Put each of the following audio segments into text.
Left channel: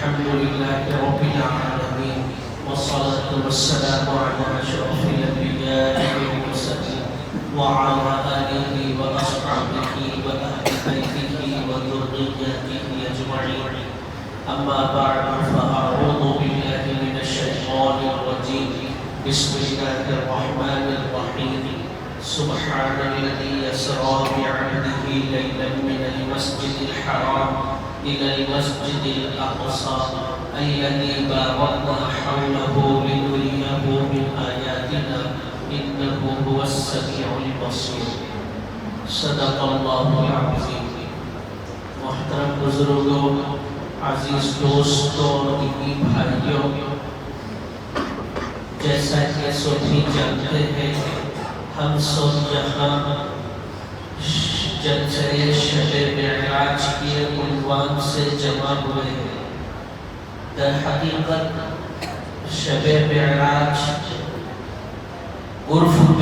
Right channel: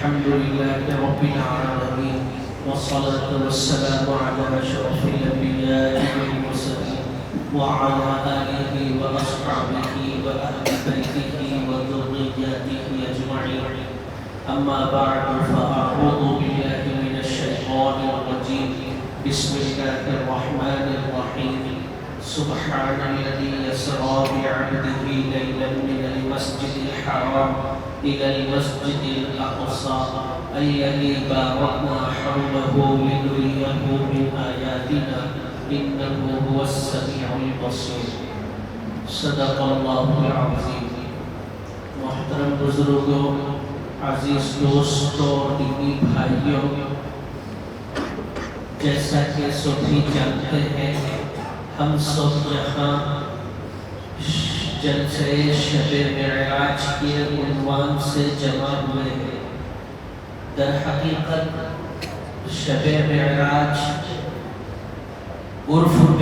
الحمد لله رب العالمين، والصلاة والسلام على أشرف الأنبياء والمرسلين وعلى آله وأصحابه وأهل بيته وذريته أجمعين. أما بعد، فأعوذ بالله من الشيطان الرجيم. بسم الله الرحمن الرحيم. سبحان الذي يسرى بعبده ليلا من المسجد الحرام إلى المسجد الأقصى الذي باركنا حوله لنريه من آياتنا إنه هو السميع البصير. صدق الله العظيم. محترم بزرگوں، عزیز دوستوں، دینی بھائیوں، جیسا کہ سبھی جانتے ہیں، ہم سب یہاں جلسہ شب معراج کی عنوان سے جمع ہوئے ہیں۔ در حقیقت شب معراج عرف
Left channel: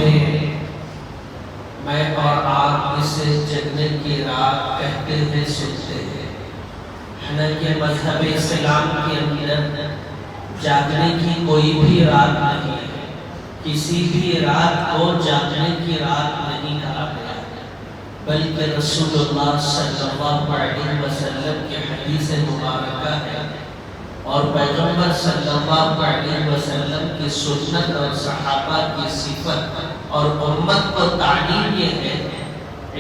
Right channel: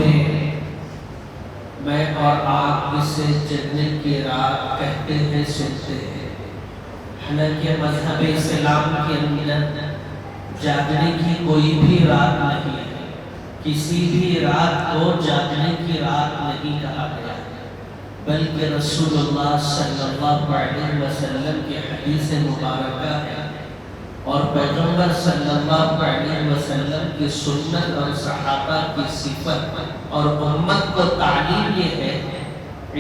میں اور آپ اسے جنت کی رات کہتے ہیں، سنتے ہیں۔ حالانکہ مذہب اسلام کے اندر جاگنے کی کوئی بھی رات نہیں ہے، کسی بھی رات کو جاگنے کی رات نہیں کہا گیا، بلکہ رسول اللہ صلی اللہ علیہ وسلم کی حدیث مبارکہ ہے اور پیغمبر صلی اللہ علیہ وسلم کی سنت اور صحابہ کی صفت اور امت کو تعلیم یہ ہے،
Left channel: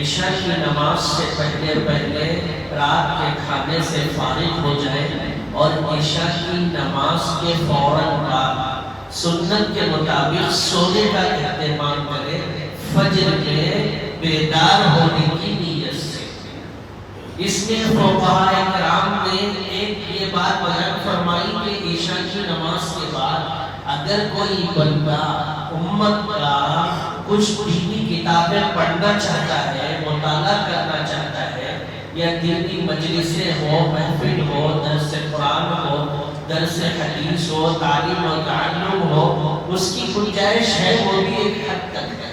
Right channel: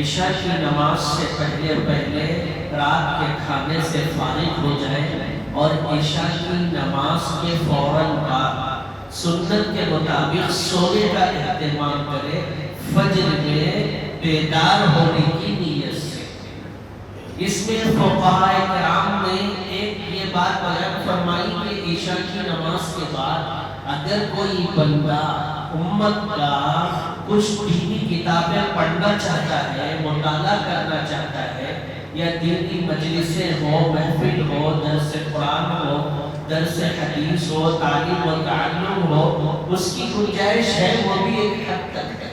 عشاء کی نماز سے پہلے رات کے کھانے سے فارغ ہو جائے اور عشاء کی نماز کے فوراً بعد سنت کے مطابق سونے کا اہتمام کرے، فجر میں بیدار ہونے کی نیت سے۔ اس میں فقہاء کرام نے ایک یہ بات بیان فرمائی کہ عشاء کی نماز کے بعد اگر کوئی بندہ امت کا کچھ دینی کتابیں پڑھنا چاہتا ہے، مطالعہ کرنا چاہتا ہے، یا دینی مجلسیں ہو، محفل ہو، درس قرآن ہو، درس حدیث ہو، تعلیم و تعلم ہو، اس کی گنجائش ہے، وہ بھی ایک حد تک ہے۔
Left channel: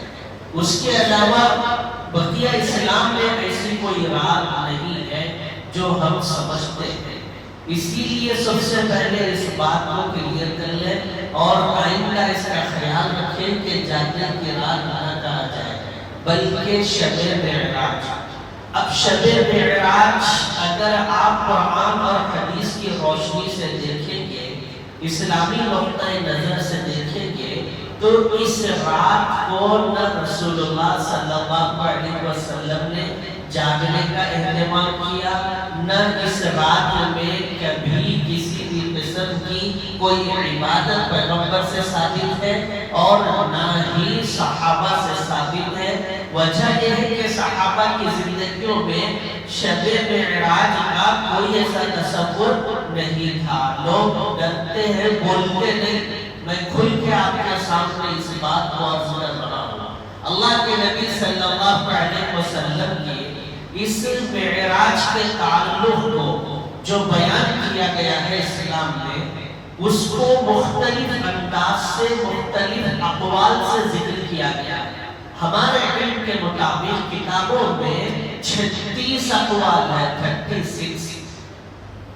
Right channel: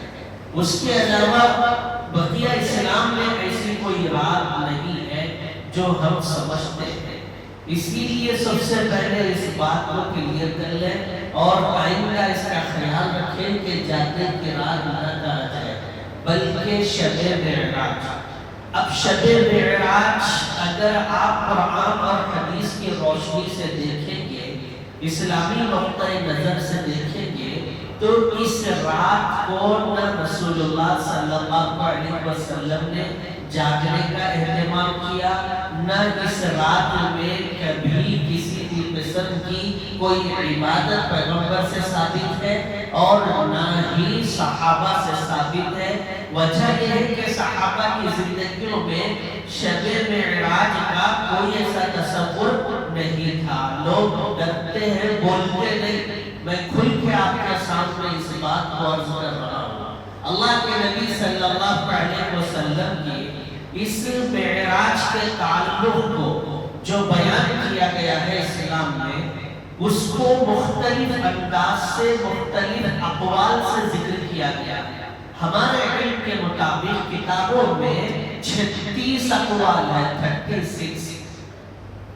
اس کے علاوہ بقیہ اسلام میں ایسی کوئی رات نہیں ہے جو ہم سمجھتے ہیں۔ اسی لیے سب سے پہلے اس بات کو کلیئر کر لیں اور آئندہ اس کا خیال رکھیں کہ جاگنے کی رات نہ کہا جائے بلکہ شب معراج۔ اب شب معراج اگر آپ قرآن اور حدیث کی روشنی سے دیکھیں گے، اسلامی نقطہ نظر سے دیکھیں گے، تو اس رات کو نہ رسول اللہ صلی اللہ علیہ وسلم نے جاگنے کا اہتمام کیا، نہ اس رات میں کبھی کسی بھی قسم کی کوئی عبادت پیغمبر سے ثابت ہے اور نہ ہی صحابہ سے ثابت ہے۔ وجہ یہ ہے کہ صحابہ کی زندگیوں میں شب معراج کا کوئی ایسا تصور نہیں تھا۔ لوگ ڈرتے ہیں، بولتے نہیں۔ میں کھل کے آپ کے سامنے اس بات کو عرض کر رہا ہوں۔ اللہ کے نبی صلی اللہ علیہ وسلم کی اس معراج کے تعلق کو جو بیان کیا گیا ہے اسلام میں، اس کو مختلف انداز سے، مختلف اقوال سے ذکر کیا گیا ہے۔ ہمارے علم کے مطابق کتابوں میں 36 اقوال ہے، 36۔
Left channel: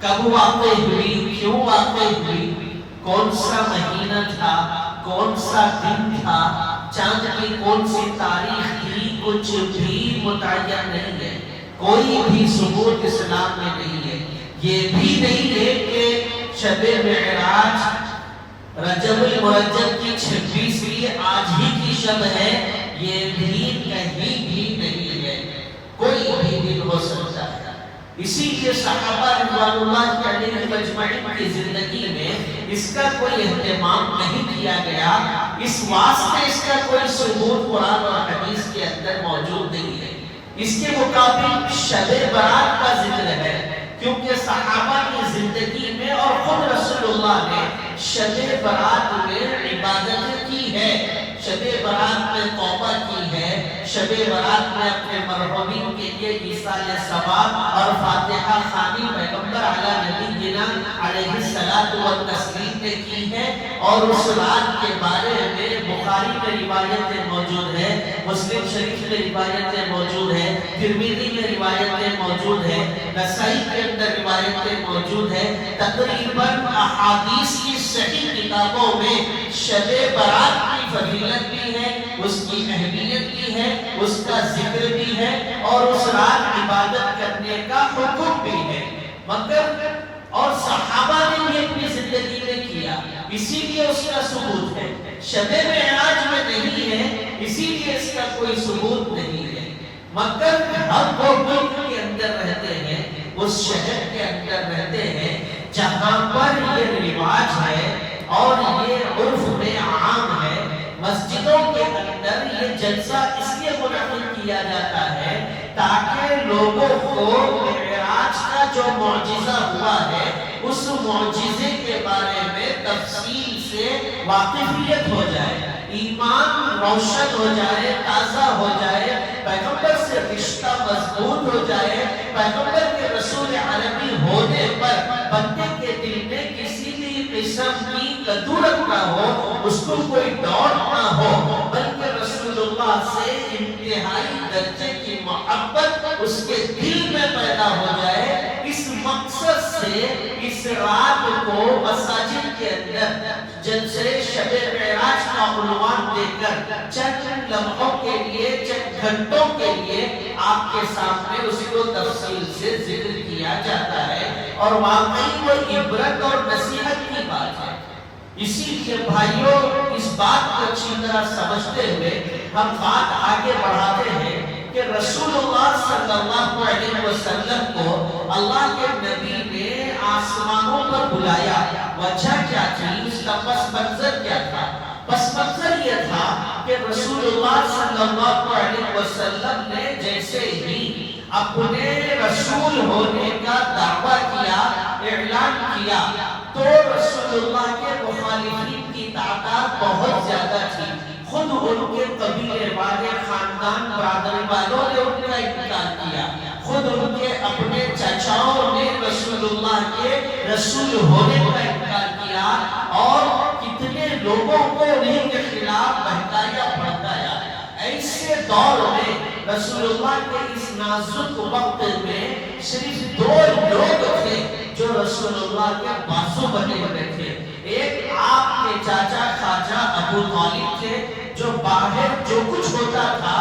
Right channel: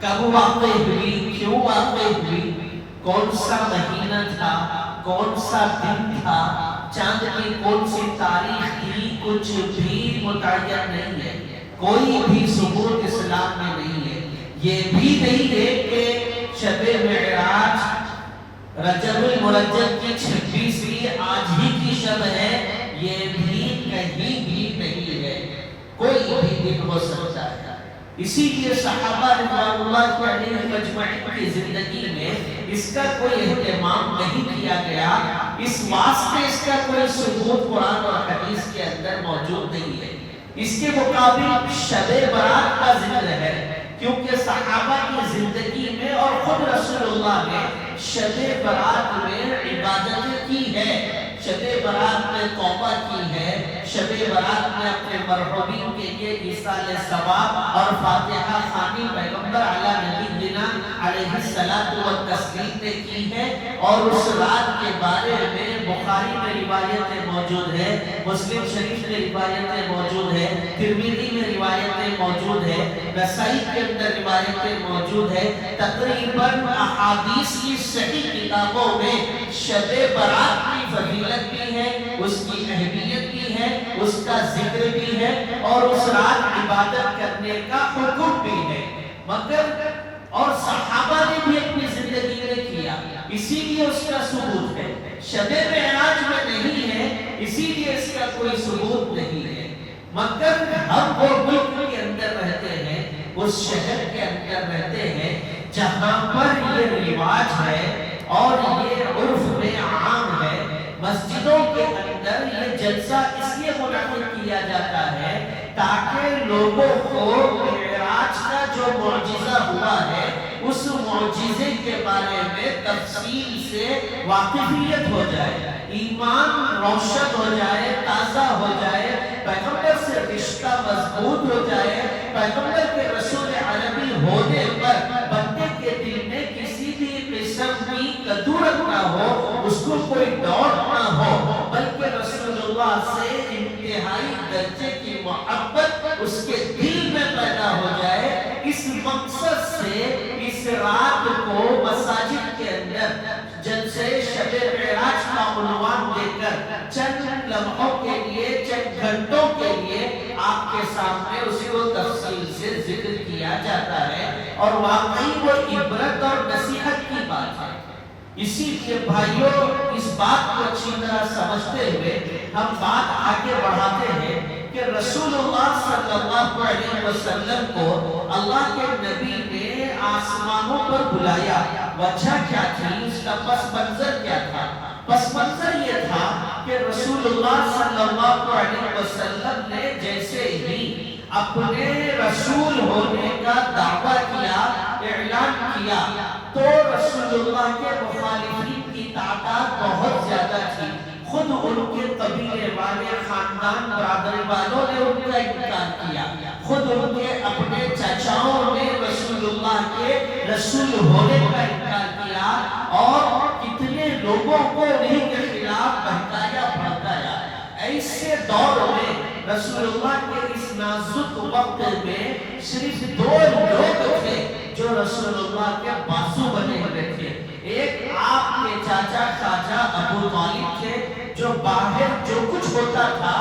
کب واقع ہوئی، کیوں واقع ہوئی، کون سا مہینہ تھا، کون سا دن تھا، چاند کی کون سی تاریخ تھی، کچھ بھی متعین نہیں ہے۔ کوئی بھی ثبوت اسلام میں نہیں ہے۔ یہ بھی نہیں ہے کہ شب معراج رجب المرجب کی 26ویں آج ہی کی شب ہے، یہ بھی کہیں بھی نہیں ہے۔ کوئی بھی دن ہو سکتا ہے۔ اسی لیے صحابہ رضوان اللہ علیہم اجمعین کی زندگی میں اس کا کوئی اہتمام نہیں کیا گیا، اس واسطے اس کا کوئی ثبوت قرآن اور حدیث کے اندر موجود نہیں ہے۔ اس کے مطابق شب برات کا ذکر ہے، کیونکہ صحابہ کی زندگی میں اور خود رسول اللہ نے شب برات میں عبادت کی ہے، شب برات میں توبہ کی ہے، شب برات میں اپنے مرحومین کے لیے ایصال ثواب اور فاتحہ خوانی پیغمبر علی نبینا علیہ الصلوۃ والتسلیم نے کی ہے، اور اس رات کے بارے میں بخاری میں روایتیں موجود ہیں، مسلم شریف میں روایتیں موجود ہیں، ترمذی میں روایتیں موجود ہیں، نسائی کے اندر روایتیں موجود موجود ہے. تقریباً احادیث کی صحیح کتابوں میں شب برات کی فضیلت بھی ہے، اس کی اہمیت بھی ہے، اس کا ذکر بھی ہے اور اس رات عبادت کرنے کا حکم بھی ہے. مگر اور صحابہ نے بھی اپنی زندگی میں کیا، اسی لیے اس کا ثبوت ہے. شب معراج میں نہیں ہے، اسی لیے اس کا کوئی ثبوت نہیں ہے. مگر ہم وہ ملک کے اندر رہتے ہیں، اس شہر کے اندر رہتے ہیں جہاں پر یہ رواج ہے اور یہ عرف میں عام ہے. مسجدوں کے اندر یہ جلسہ اس لیے منعقد کیا جاتا ہے تاکہ لوگوں کو معراج کا جو معجزہ ہوا ہے اس معجزے کے بارے میں تفصیل سے واقفیت ہو جائے، ایمان روشن ہو جائے، تازہ ہو جائے، پیغمبر سے رشتہ مضبوط ہو جائے، پیغمبر کے رسول عالمی ہونے پر بندے کے دل میں کسی بھی قسم کی کدورت نہ ہو، اس کو کوئی ڈاؤٹ نہ ہو، بلکہ رسول اللہ سے انتہائی درجے کی محبت اس کے دل میں پیدا ہو جائے. اس مقصد سے اس رات کو مساجد کے اندر جلسے شب معراج کا عنوان دے کر چند لمحوں کے لیے، چند گھنٹوں کے لیے آپ کے سامنے اس کو تفصیل سے ذکر کیا جاتا ہے اور واقعی وہ عبرت اور نصیحت کی بات ہے. اسی لیے بھائیوں اس بات کو اچھی طرح سمجھتے ہوئے ہم بات آگے بڑھاتے ہیں کہ رسول اللہ صلی اللہ علیہ وسلم کو اللہ کے نبی نے آسمانوں پر بلایا. وجہ کیا تھی؟ اس کا پس منظر کیا تھا؟ پس منظر یہ تھا کہ رسول اللہ صلی اللہ علیہ وسلم نے جیسے ہی اپنے رسول ہونے کا دعویٰ کیا، اعلان کیا، تو رسول اللہ کے مخالفین کی تعداد بہت زیادہ تھی. خود ان کے قبیلے والے، خاندان برادری والوں نے ان کا انکار کیا، خود ان کے اپنے چچاؤں نے رسول اللہ کے رسول ہونے کا انکار کیا اور کتنے لوگوں کو انہیں کے خلاف بہکایا بھڑکایا. ایسے دور میں رسول اللہ کے اس نازک وقت میں صرف دو لوگ تھے جو رسول اللہ کے بازو بنے ہوئے تھے. ایک آپ کے چاچا خواجہ ابو طالب تھے جو باہر جو کچھ ہوتا تھا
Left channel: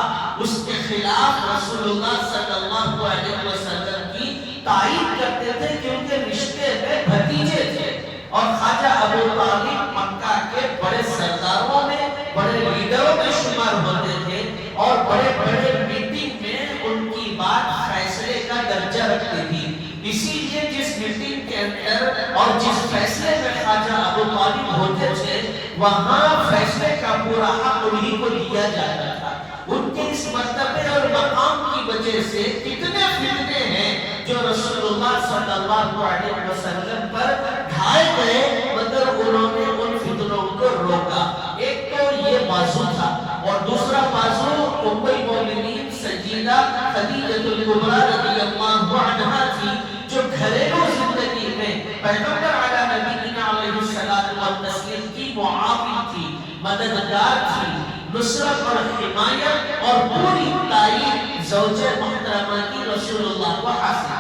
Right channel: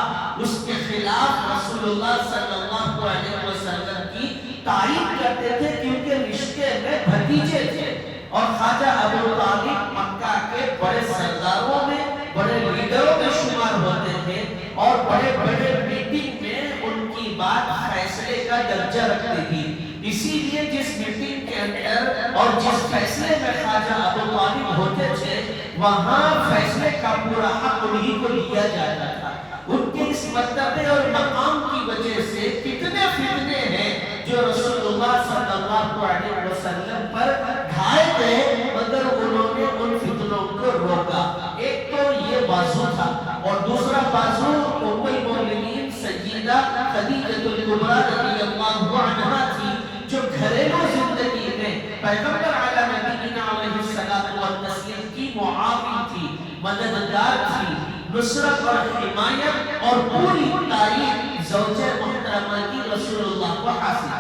اس کے خلاف رسول اللہ صلی اللہ علیہ وسلم کی تائید کرتے تھے کیونکہ رشتے میں بھتیجے تھے. اور خواجہ ابو طالب مکہ کے بڑے سرداروں میں، بڑے لیڈروں میں شمار ہوتے تھے اور بڑے بڑے میٹنگ میں ان کی بات فیصلے کا درجہ رکھتی تھی. اسی لیے جس میٹنگ کے اندر اور جس فیصلے میں خواجہ ابو طالب ہوتے تھے وہاں فیصلے کا پورا حق انہیں کو دیا جاتا تھا. ان کے اس مرتبے اور مقام کی وجہ سے کتنے فتنے ہیں جو رسول اللہ صلی اللہ علیہ وسلم پر ڈھائے گئے، مگر انہوں نے ان فتنوں کو روکا. ایک تو یہ بازو تھا اور دوسرا بازو ام المؤمنین سیدہ خدیجہ الکبریٰ رضی اللہ عنہا تھی جو گھریلو زندگی میں پیغمبر علی نبینا علیہ السلام والتسلیم کی معاون تھی، مددگار تھی، نصرت اور حمایت اور پوری تاریخ زوجہ محترمہ کی رسول اللہ کو حاصل.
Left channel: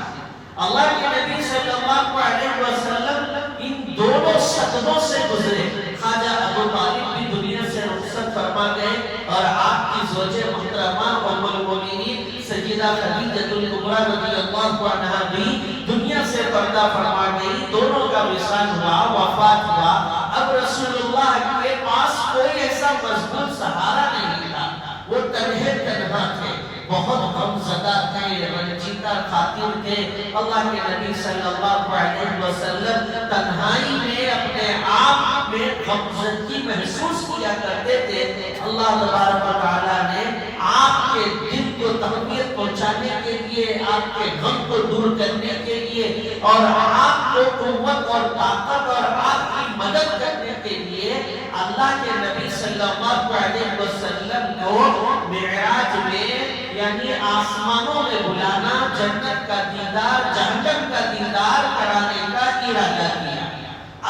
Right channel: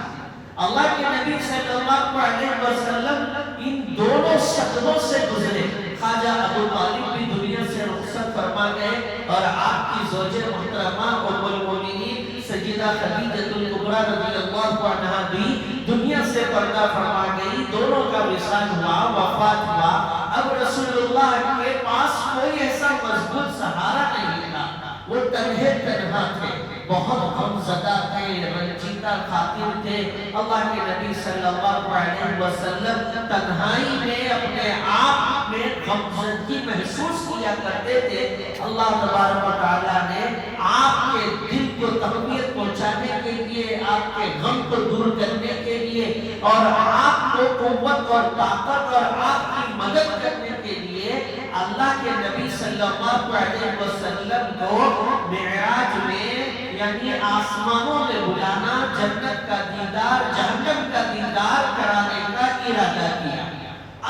اللہ کے نبی صلی اللہ علیہ وسلم ان دونوں صدموں سے گزرے. خواجہ ابو طالب بھی دنیا سے رخصت فرما گئے اور آپ کی زوجہ محترمہ ام المؤمنین سیدہ خدیجہ الکبریٰ رضی اللہ عنہا بھی دنیا سے پردہ فرما گئی. دونوں کا وصال ہوا، وفات ہوا. اب رسول اللہ کے پاس کوئی ایسا مضبوط سہارا نہیں تھا، وہ تنہے تنہا تھے، بہت غمزدہ تھے، رنجیدہ خاطر تھے. اللہ کے نبی صلی اللہ علیہ وسلم تنہائی میں اپنے آپ میں غمزدگی محسوس کیا کرتے تھے. اللہ تبارک و تعالیٰ نے آپ کے دل کو تقویت پہنچانے کے لیے، آپ کے غم کو دور کرنے کے لیے اور آپ کو قوت اور طاقت اور آپ کی مدد کرنے کے لیے اللہ کے نبی صلی اللہ علیہ وسلم کو معراج میں یعنی آسمانوں میں بلانا، جنت کا دیدار، جہنم کا دیدار کرانے کا ارادہ کیا.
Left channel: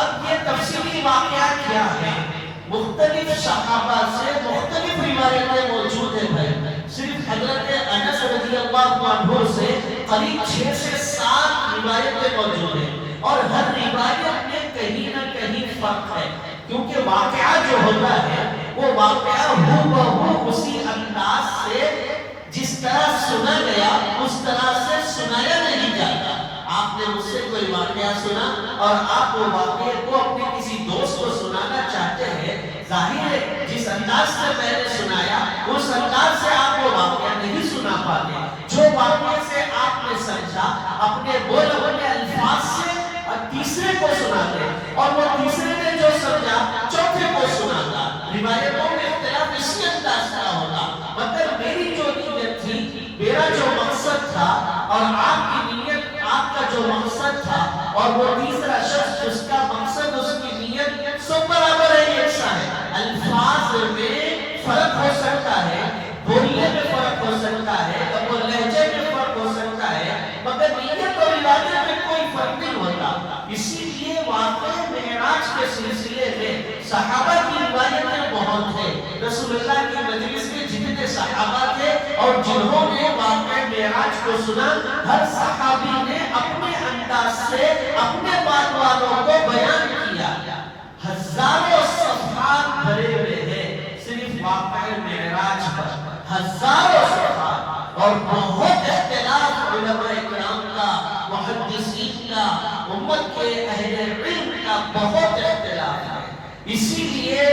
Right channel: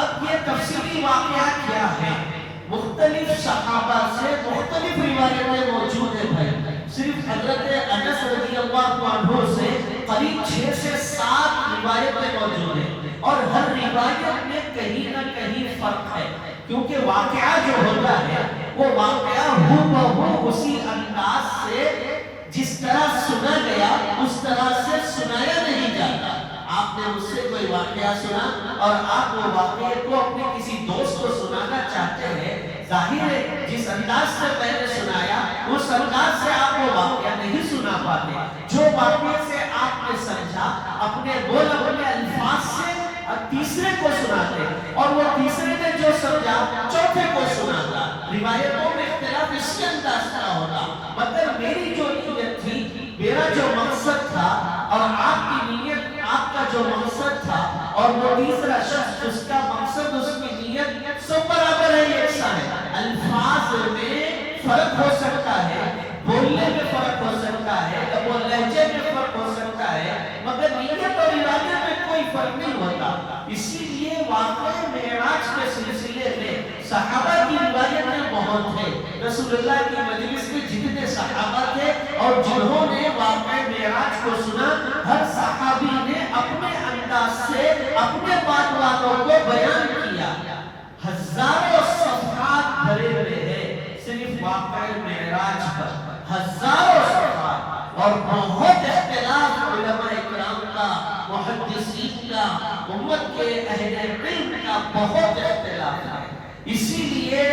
اب یہ تفصیلی واقعہ کیا ہے؟ مختلف صحابہ سے مختلف روایتیں موجود ہیں. صرف حضرت انس رضی اللہ عنہ سے قریب 6 سے 7 روایتیں موجود ہیں. اور ہر روایت میں کہیں نہ کہیں فرق ہے، کیونکہ واقعہ جو ہوتا ہے وہ واقعہ ہو اسی انداز سے جس طرح سنا گیا اس طرح سے سنایا نہیں جاتا۔ آپ نے مجھ سے کوئی واقعہ سنا اور آپ وہ واقعے کو اپنے کسی دوست کو سنانا چاہتے ہیں، ظاہر ہے جس انداز سے پہلے سنایا اس انداز سے آپ وہ واقعہ نہیں سنا پاتے۔ جو واقعے سے آپ نے سمجھا اپنے بولے ہوئے الفاظ سے تیسرے کو سناتے، اور وہ تیسرے نے جو سمجھا چوتھے کو سناتا۔ روایتوں میں اختلاف اسی انداز کا ہوگا، مگر میری جو نیت تھی، میرا جو مقصد تھا اور آپ کی نیت، آپ کا جو مقصد تھا اور وہ تیسرا شخص جس کا مقصد اس کی نیت سب برابر ہے، یکساں ہے۔ الفاظ میں فرق ہو سکتا ہے، بولنے میں فرق ہو سکتا ہے، وہ لہجے میں فرق ہو سکتا ہے، مگر نیت اور ارادے میں کوئی فرق نہیں ہوتا۔ اسی لیے واقعہ معراج کے سلسلے میں صحابہ کی روایتیں بہت ہیں۔ رسول اللہ کی مجلس میں جتنے صحابہ تھے اور جنہوں نے واقعہ معراج کو سنا، ہر صحابی نے اپنے انداز سے اپنے بات والوں کو بیان کیا۔ ہزاروں صفحات بھرے ہوئے ہیں صرف واقعہ معراج پر، ہزاروں صفحات، اور بہت اختلاف علماء اکرام کا، محدثین کا، امت کے اہل علم کا بہت اختلاف ہے۔ اسی لیے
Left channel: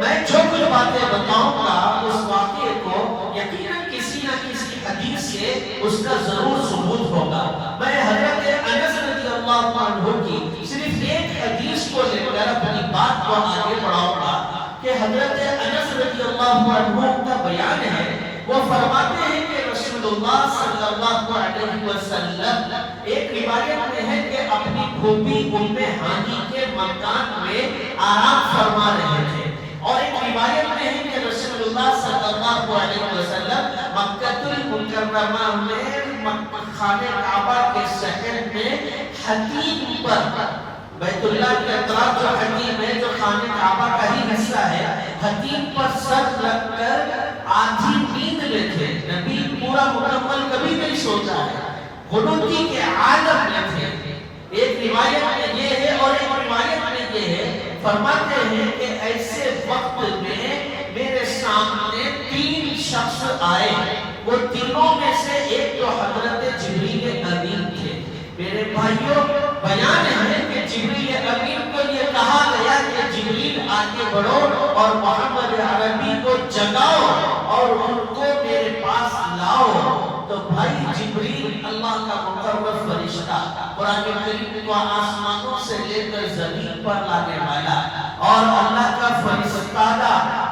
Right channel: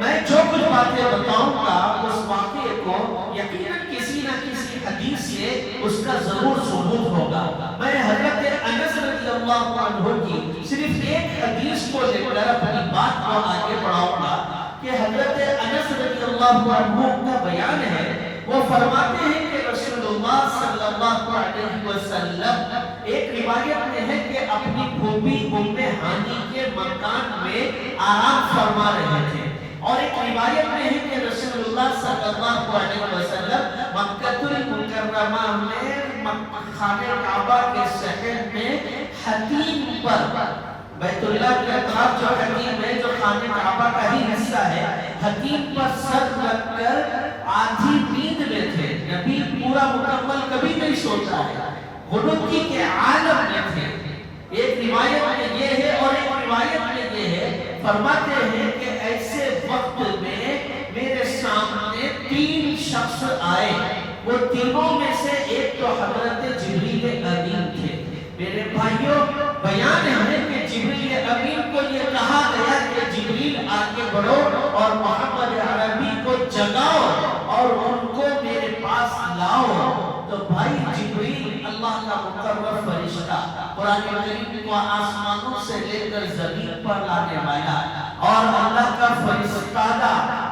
میں جو کچھ باتیں بتاؤں گا اس واقعے کو یقیناً کسی نہ کسی حدیث سے اس کا ضرور ثبوت ہوگا۔ میں حضرت انس رضی اللہ عنہ کی صرف ایک حدیث کو لے کر اپنی بات کو آگے بڑھاؤں گا کہ حضرت انس رضی اللہ عنہ کا بیان ہے، وہ فرماتے ہیں کہ رسول اللہ صلی اللہ علیہ وسلم ایک روایت میں ہے کہ اپنی پھوپھی ام ہانی کے مکان میں آرام فرما رہے تھے، اور ایک روایت میں ہے کہ رسول اللہ صلی اللہ علیہ وسلم مکہ المکرمہ میں خانہ کعبہ کے شہر میں حتیم پر، بیت اللہ کے اطراف جو حتیم ہے جو خانہ کعبہ کا ہی حصہ ہے، حتیم پر سر رکھ کر آدھی نیند میں تھے۔ نبی پورا مکمل کبھی نہیں سوتا ہے، غنودی کے عالم میں تھے۔ ایک روایت میں یہ ہے اور ایک روایت میں یہ ہے، فرماتے ہیں کہ ایسے وقت میں میرے سامنے تین شخص آئے، وہ تینوں میں سے ایک تو حضرت جبریل امین تھے۔ میرے بھائیوں، بیان ہے کہ جبریل امین کو یہ کہا گیا کہ جبریل آگے بڑھو اور محمد عربی کو جگاؤ اور ان کو میرے پاس لاؤ۔ تو بھائی جبریل اللہ کا مقرر فرشتہ، قرآن کریم کو آسمانوں سے لے کر زمین پر لانے والا اور اللہ کا فرشتہ،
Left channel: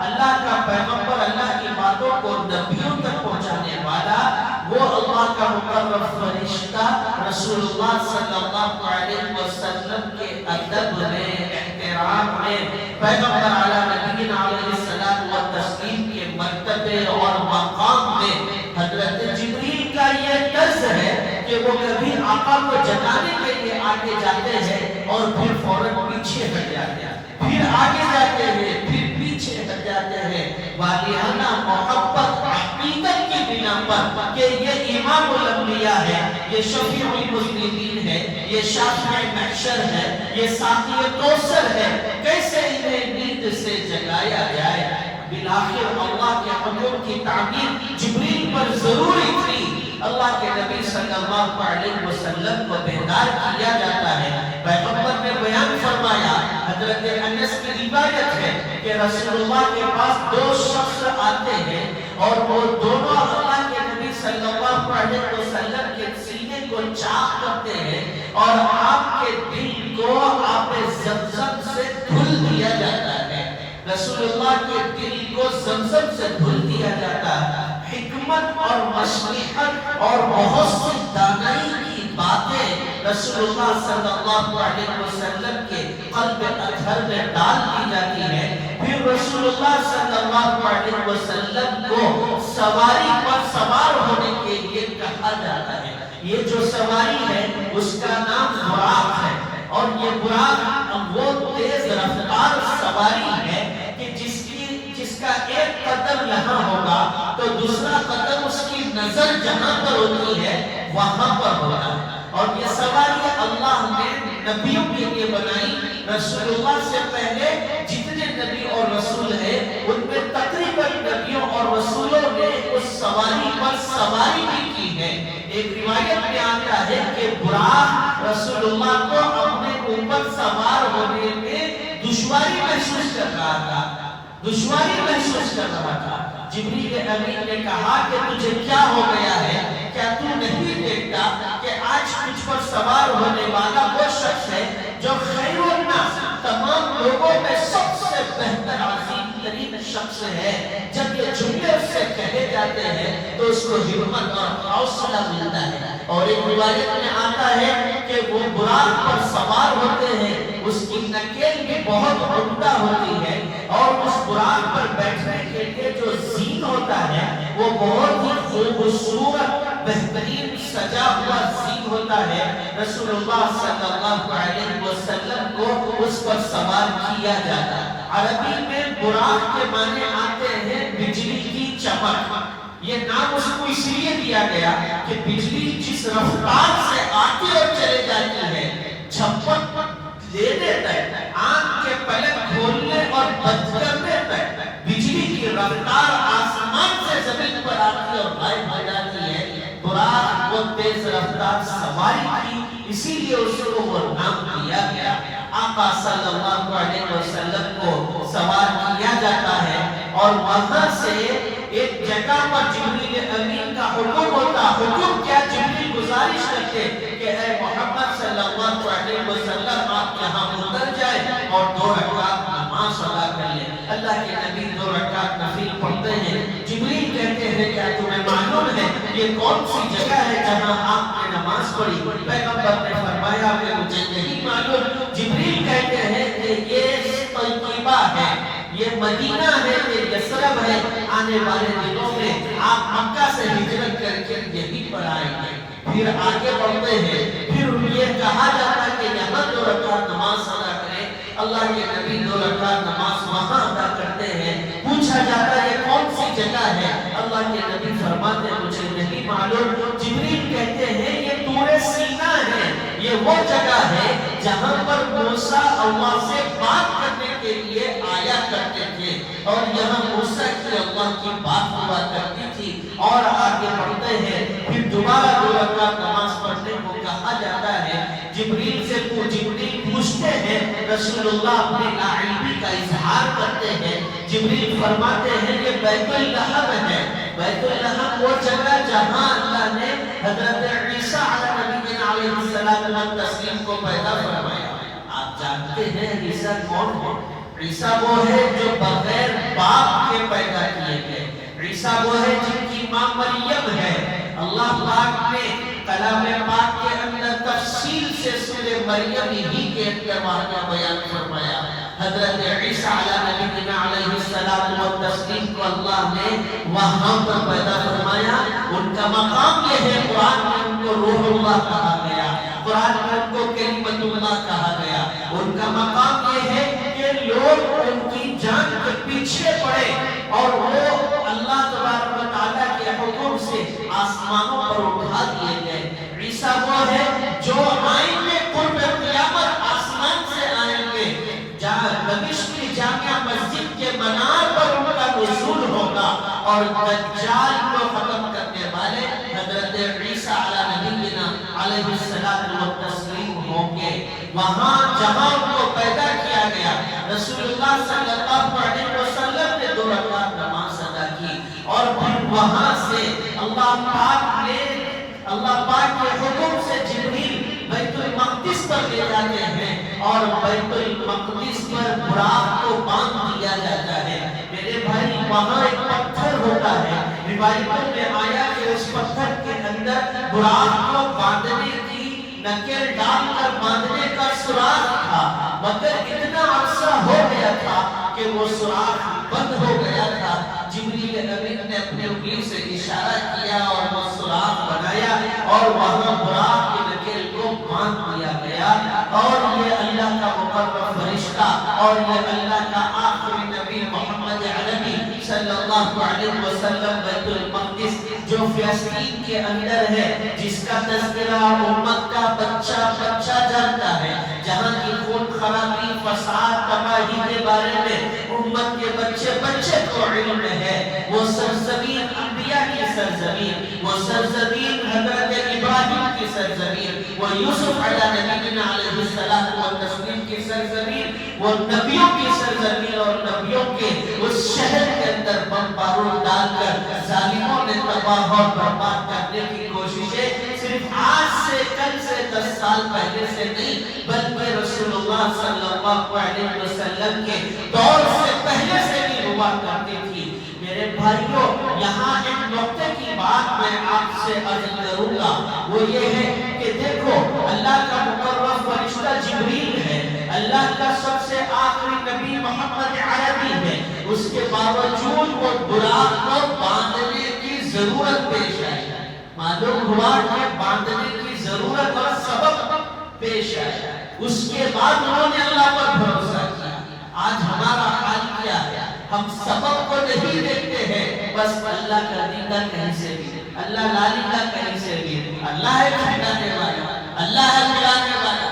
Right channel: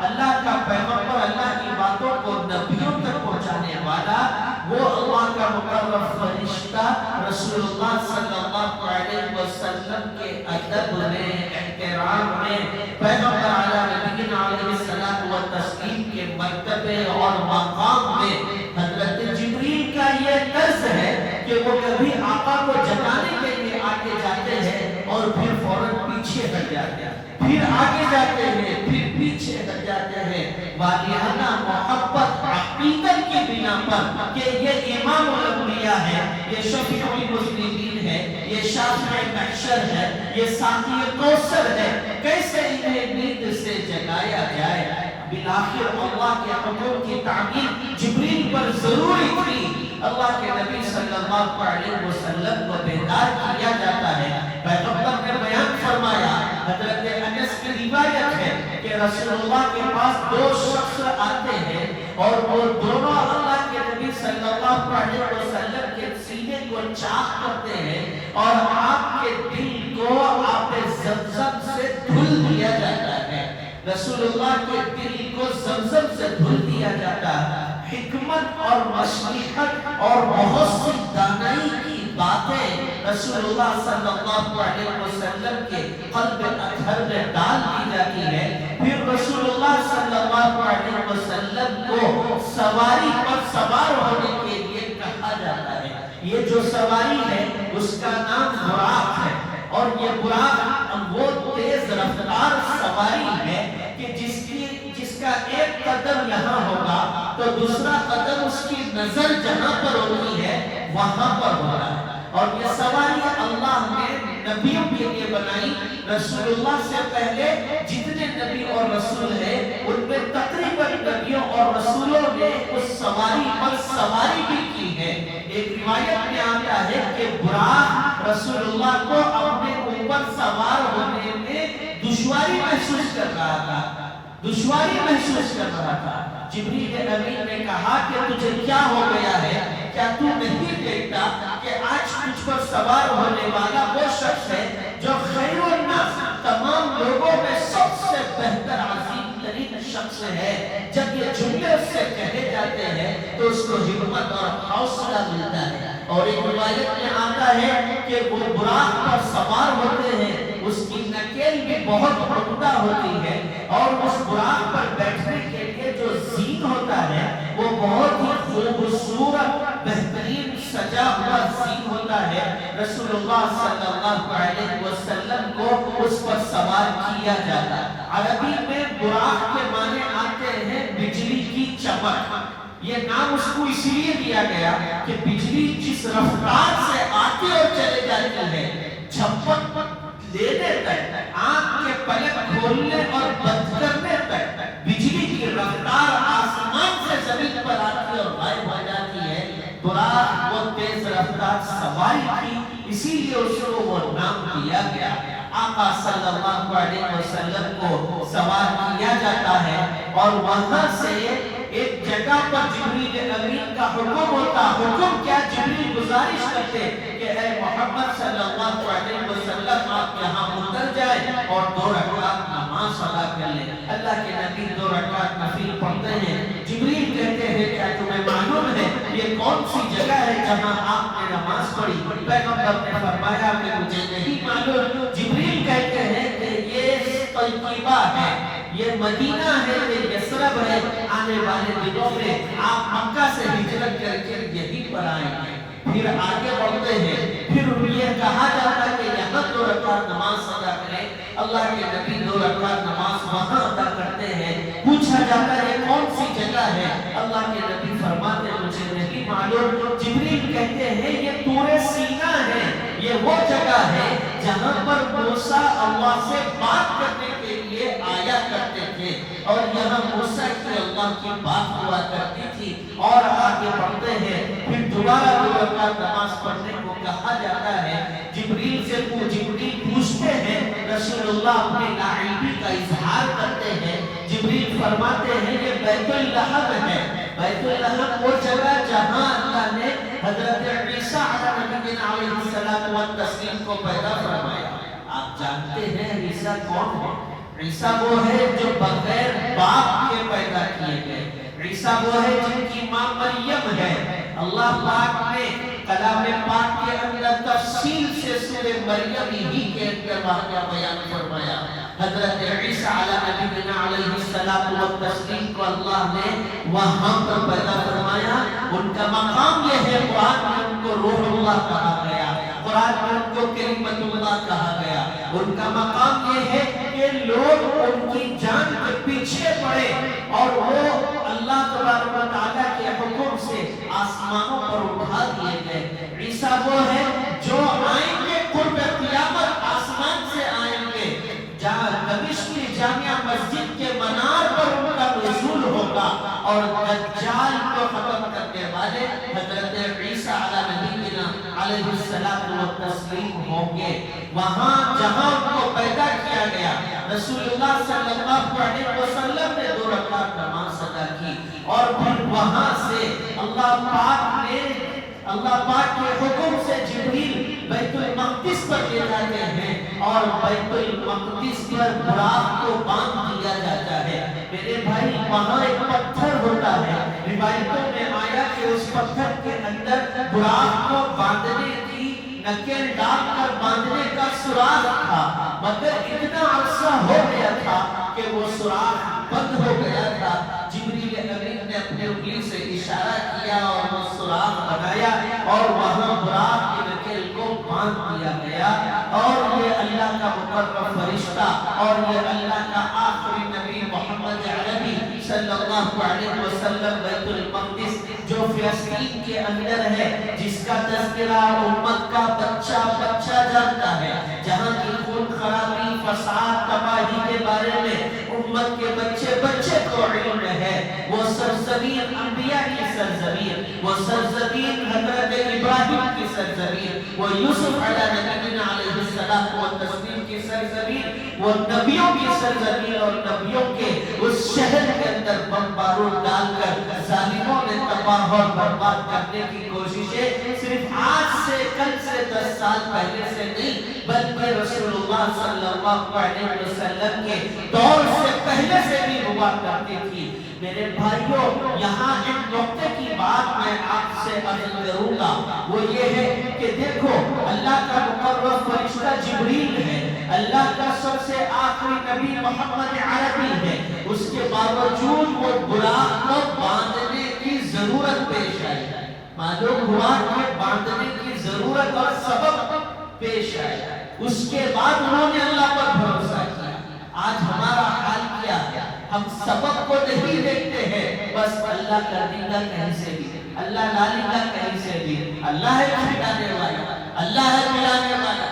اللہ کا پیغمبر، اللہ کی باتوں کو نبیوں تک پہنچانے والا، وہ اللہ کا مقرر فرشتہ رسول اللہ صلی اللہ علیہ وسلم کے ادب میں، احترام میں، پیغمبر علی نبینا علیہ الصلوۃ والتسلیم کے مرتبے اور مقام میں حضرت جبریل کا یہ طرز ہے کہ وہ کبھی آقا کو جگانے کے لیے آگے جاتے ہیں اور پھر فوراً پیچھے ہٹ جاتے ہیں، پھر آگے جاتے ہیں، پھر پیچھے ہٹ جاتے ہیں، والیانہ محبت عقیدت کی بنا پر کہ یہ امام الانبیاء ہے، یہ شفیع المذنبین ہے، یہ شافع محشر ہے، یہ ساقی کوثر ہے، کیسے انہیں نیند سے جگایا جائے؟ بالآخر اللہ کے حکم کی تعمیر جبریل پر ضروری تھی۔ اللہ کے نبی صلی اللہ علیہ وسلم کو بیدار کیا جاتا ہے۔ پیغمبر نے بیان فرمایا، حضرت انس کی روایت ہے کہ رسول اللہ کے پاس دو شخص آتے ہیں اور وہ دونوں اللہ کے نبی صلی اللہ علیہ وسلم کے سینے کو چاک کرتے ہیں اور آپ کے دل کو آب زمزم سے دھل دیا جاتا ہے۔ رسول اللہ کے دل کو زمزم سے دھل دیا جاتا ہے۔ حکمت اور مصلحت اور بہت سی دانائی کی باتیں رسول اللہ صلی اللہ علیہ وسلم کے قلب اطہر میں ڈال دی جاتی ہے۔ پھر رسول اللہ صلی اللہ علیہ وسلم کو سواری پر سوار ہونے کے لیے کہا جاتا ہے۔ یہ جو سواری ہے اس کا نام براق ہے، اور یہ براق وہ تیز رفتار سواری ہے کہ جس کا ایک قدم یہاں ہوگا تو دوسرا قدم اس کی نظر جہاں پر ہوتی ہے وہاں پر ہوگا، اور یہ سواری اللہ نے نبی رسول اللہ سے پہلے جتنے نبی اور رسول ہیں ان میں تقریباً نبیوں اور رسولوں نے اس سواری پر سواری بھی کی ہے۔ ایک روایت میں آتا ہے کہ براق رسول اللہ کو اپنے اوپر سوار ہونے میں دشواری محسوس کر رہا تھا۔ جبریل امین نے کہا کہ تجھے کیا ہو گیا ہے؟ کیا تو نہیں دیکھتا کہ آج تجھ پر سوار ہونے والا وہ شخص ہے جو خیر الناس، تمام لوگوں میں سب سے بہتر عظیم ترین شخص ہے۔ جب یہ جملے اس سے کہے جاتے ہیں تو اس کو ہمت اور حوصلہ ملتا ہے۔ اور ایک روایت میں آتا ہے کہ وہ براق پر سوار ہوتے ہیں، اس کی نکیل بھی بہت عمدہ ہوتی ہے، اور اس براق پر بیٹھنے کے لیے جو زین ہوتا ہے وہ بہت ہی خوبصورت بہترین سجا ہوا زین ہوتا ہے۔ رسول اللہ صلی اللہ علیہ وسلم کو اس پر سوار کیا جاتا۔ عربی میں براق کے معنی آتے ہیں بجلی کی چمک۔ یہ نام اس کو اس لیے دیا گیا کہ بجلی جس رفتار سے آتی اور چلے جاتی ہے، جھپک لینے تک، آنکھ کے پلک کھولنے اور بند کرنے تک بجلی کی رفتار آسمان سے زمین پر آتی اور غائب ہو جاتی ہے۔ براق وہ تیز رفتار سواری کی، اسی لیے اس کو وہ نام دیا گیا۔ آقا صلی اللہ علیہ وسلم کو سوار کیا جاتا ہے اور وہاں سے ایک جگہ پر جبریل امین کا حکم ہوتا۔ حکم کیا؟ جبریل گزارش کرتے کہ اے محمد صلی اللہ علیہ وسلم آپ یہاں اتر جائے اور 2 رکعت نماز ادا کر لیں۔ اللہ کے نبی 2 رکعت نفل پڑھتے ہیں۔ جبریل کہتے ہیں کیا تمہیں معلوم ہے یہ کون سی جگہ ہے جہاں آپ نے نماز پڑھی؟ پیغمبر نے فرمایا کہ مجھے نہیں معلوم۔ جبریل کہتے ہیں کہ یہ طیبہ ہے، یہ مدینہ ہے، یہ یثرب ہے، آنے والے دنوں میں آپ مکہ سے ہجرت کر کے یہیں پر آئیں گے۔ پھر آگے بڑھتے ہیں، پھر یہ کہا جاتا ہے کہ یہاں 2 رکعت نماز ادا کریں۔ اللہ کے نبی 2 رکعت نماز وہاں ادا کرتے ہیں۔ پوچھا جاتا ہے کون سی جگہ ہے؟ اللہ کے نبی فرماتے مجھے نہیں معلوم۔ جبریل کہتے ہیں یہ طور سینا ہے، یہ وہ جگہ ہے جہاں پر موسیٰ اللہ سے بات کرنے کے لیے آیا کرتے تھے، اور یہاں موسیٰ کی اللہ کی بات ہوا کرتی تھی۔ اور آگے بڑھتے ہیں، پھر دوبارہ 2 رکعت نماز پڑھنے کو کہا جاتا ہے۔ جبریل سے جبریل پوچھتے ہیں، رسول اللہ اپنی ناعلمی کا اظہار کرتے ہیں۔ جبریل فرماتے ہیں یہ بیت اللحم ہے۔ بیت اللحم وہ جگہ جہاں اللہ نے حضرت عیسیٰ علیہ السلام والتسلیم کو پیدا فرمایا۔ آپ جانتے ہیں عیسیٰ کون ہے؟ عیسیٰ وہ ہے جو بغیر باپ کے پیدا کیے گئے۔ عیسیٰ وہ ہے جن کی ماں مریم ہے۔ اللہ پاک نے کلام پاک کے اندر تفصیل سے سورہ مریم ہی کے اندر واقعہ بیان فرمایا۔ حضرت عیسیٰ علیہ السلام والتسلیم کو اللہ نے وہاں پر پیدا فرمایا۔ ان کا مقام یہ ہے، قرآن میں ان کو روح اللہ کہا گیا، قرآن میں ان کو کلمت اللہ کہا گیا۔ ان کا مقام یہ ہے کہ لوگ ان کی جان کے پیچھے پڑے اور وہ اللہ تبارک و تعالیٰ کے حکم سے آسمانوں پر اٹھا دیے گئے۔ عیسیٰ وہ ہے جو آئیں گے قرب قیامت، آسمان سے آئیں گے، جہاں دمشق کی جامع مسجد کے منار پر ان کا نزول ہوگا، اور دجال کو ختم کرنے والے حضرت عیسیٰ علیہ السلام والتسلیم ہوں گے۔ وہاں جہاں ان کو پیدا کیا گیا، رسول اللہ صلی اللہ علیہ وسلم نے 2 رکعت نماز ادا کی، اور پھر وہاں سے اللہ پاک کے حکم سے جبریل بیت المقدس پر لے جاتے ہیں، اور بیت المقدس پر براق کو باندھ دیا جاتا ہے۔ میرے بھائی وہاں ایک پتھر ہوتا ہے، روایتوں میں آیا کہ اس پتھر کے اندر براق کو باندھنے کی نکل ڈال کر باندھنے کا سوراخ تھا، مگر اتنا عرصہ ہو گیا تھا کہ وہ سوراخ بند ہو گیا تھا۔ جبریل امین نے اپنے انگلی سے اشارہ کیا اور وہ سوراخ بنایا، اور وہاں براق کی نکل کو باندھ دیا گیا، اور یہ اللہ کا مقرب فرشتہ اور یہ اللہ کا آخری نبی محمد عربی صلی اللہ علیہ وسلم بیت المقدس جو فلسطین کے اندر ہے، جس کا تذکرہ امت کا بچہ بچہ جانتا ہے، جہاں کی خون خرابی، فساد، تباہی کے بارے میں امت کے بچے بچے کو علم ہے۔ وہ سرزمین انبیاء کی سرزمین، وہ سرزمین حضرت ابراہیم کی سرزمین، وہ یوسف علیہ نبینا علیہ السلام والتسلیم کی سرزمین، وہ نبیوں کی سرزمین، اور نبیوں کے اس شہر کے اندر بم بارود ڈال کر ظالموں نے تباہ اور برباد کرنے کی کوششیں صرف آج سے کل سے 10 سال پہلے سے نہیں، بلکہ رسول اللہ صلی اللہ علیہ وسلم کے دور سے پہلے سے بھی ہوا کرتی تھی۔ میرے بھائیوں، یہاں ایک نقطے کی بات میں آپ سے عرض کروں گا، وہ یہ ہے کہ دیکھو اللہ کا مقرر فرشتہ جبریل ہے، اللہ کا سب سے آخری نبی محمد عربی ہے، اس کے باوجود وہ براق کو باندھنے کی ضرورت پیش آئی، معلوم ہوا کہ باندھنے کی ضرورت اور سبب پیش آیا، اس کے بعد انہوں نے اللہ پر بھروسہ کیا۔ آج ہمارا حال کیا ہے؟ ہم سبب کو نہیں دیکھتے ہیں، بس اللہ کا دینا کہیں سے بھی، اللہ لالی کا کہیں سے بھی، اللہ ہے چھڑانے والا، اللہ ہے ملانے والا،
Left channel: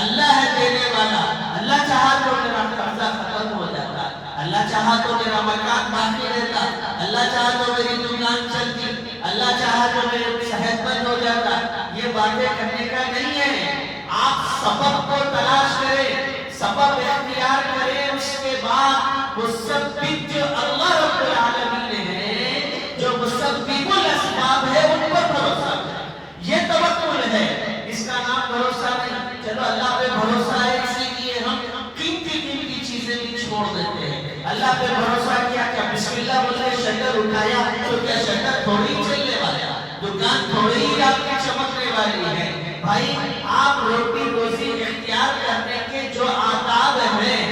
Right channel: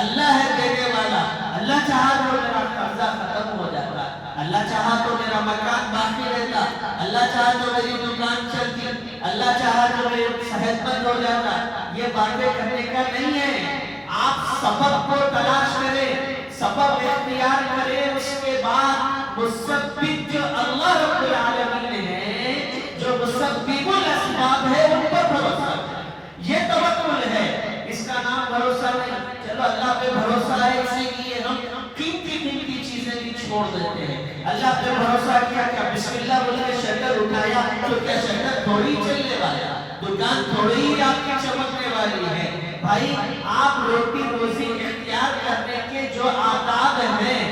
اللہ ہے دینے والا، اللہ چاہا تو میرا قرضہ ختم ہو جاتا، اللہ چاہا تو میرا مکان باقی رہتا، اللہ چاہا تو میری دکان چلتی، اللہ چاہا تو میرے صحت مند ہو جاتا۔ یہ باتیں کرنے کا نہیں ہے، آپ سبب کو تلاش کریں، سبب اختیار کریں، اس کے بعد مسبب جو اللہ رب العالمین ہے، جو مسبب الاسباب ہے، ان پر بھروسہ کریں۔ یہ توکل ہے، اس کا نام بھروسہ نہیں۔ چلو اللہ پہ بھروسہ ہے، اسی لیے ہم قیمتی چیزیں بھی چھوڑ دیتے ہیں۔ اللہ پہ بھروسہ کیا، کیا بسم اللہ بول کے شٹر اٹھایا تو کیا شٹر تھوڑی چلنے والا، دکان تھوڑی ہی آپ کی چمکنے والی ہے۔ بھائی آپ روٹی روزی اختیار کرنے کے جو آداب ہیں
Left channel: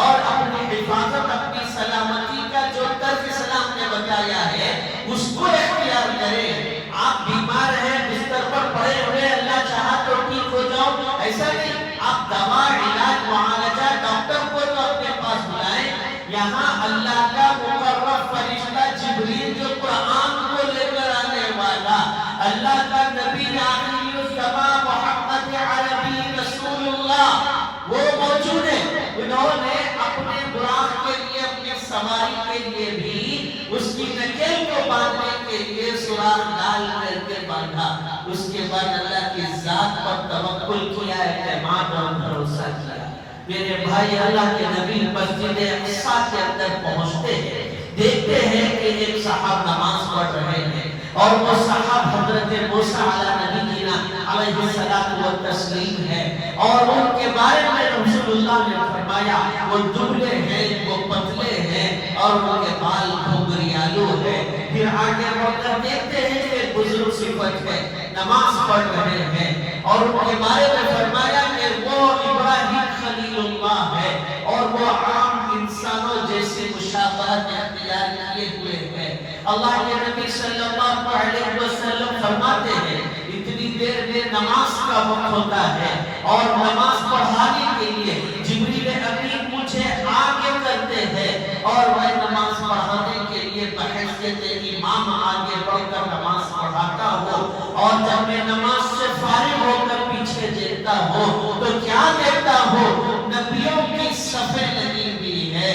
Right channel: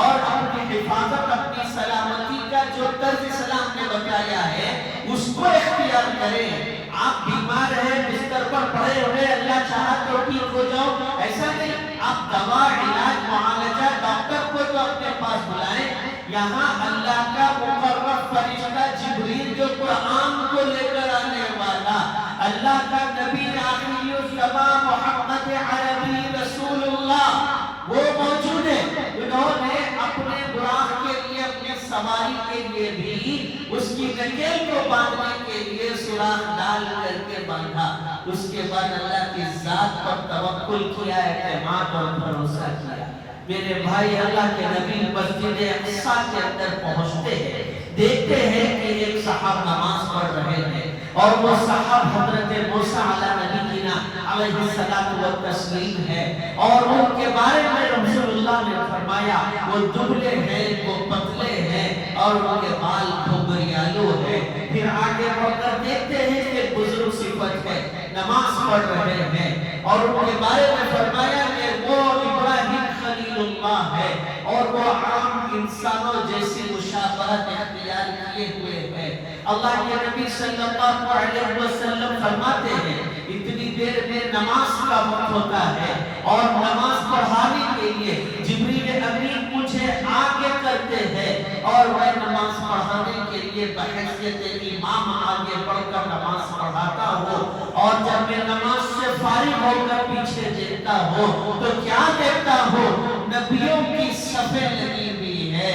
اور اپنی حفاظت، اپنی سلامتی کا جو طرز اسلام نے بتایا ہے، اس کو اختیار کریں۔ آپ بیمار ہیں، بستر پر پڑے ہوئے، اللہ چاہا تو ٹھیک ہو جاؤ، ایسا نہیں، آپ دوا، علاج، معالجہ، ڈاکٹر کو تو اپنے پاس بلائیں۔ یہاں اللہ کا مقرر فرشتہ جبریل جو قرآن کو لے کر آنے والا، اللہ کا نبی آخری الزمان محمد عربی رسول اللہ، وہ موجود ہے۔ انہوں نے اپنے براق کے لیے، اپنے سواری کے لیے بھی اس کی نکیل کو باندھنے کے لیے سوراخ ڈال کر کے باندھا۔ اس کے بعد اللہ کی ذات پر توکل کیا، اعتماد اور بھروسہ کیا۔ میرے بھائی، اللہ کے نبی مسجد اقصی کے اندر پہنچتے ہیں، دیکھتے ہیں کہ ایک صاحب نماز پڑھ رہے ہیں، اور وہ صاحب حضرت موسیٰ علیہ السلام والتسلیم ہے، اور ان کے بارے میں رسول اللہ نے فرمایا وہ دبلے ہیں، وہ پتلے ہیں، اور ان کے بال گھنگریالو ہیں۔ پھر آگے بڑھ کر دیکھتے ہیں کہ بزرگ صفت ہے، نماز پڑھ رہے ہیں، اور ان کے بارے میں فرمایا کہ وہ ابراہیم خلیل اللہ ہے، اور وہ عام انسانوں جیسی مشابہت اختیار کیے ہوئے ہیں۔ اللہ کے نبی صلی اللہ علیہ وسلم فرماتے ہیں اتنی دیر میں نماز کا وقت ہوتا ہے، اور نماز پڑھانے کے لیے جبریل امین مجھے آگے کرتے ہیں، اور میں نماز پڑھانے کے لیے بحیثیت امام آگے بڑھ کر نماز پڑھاتا ہوں، اور جب میں نماز سے فارغ ہو کر پیچھے دیکھتا ہوں تو کیا دیکھتا ہوں؟ نبیوں کی صفیں لگی ہوئی ہے،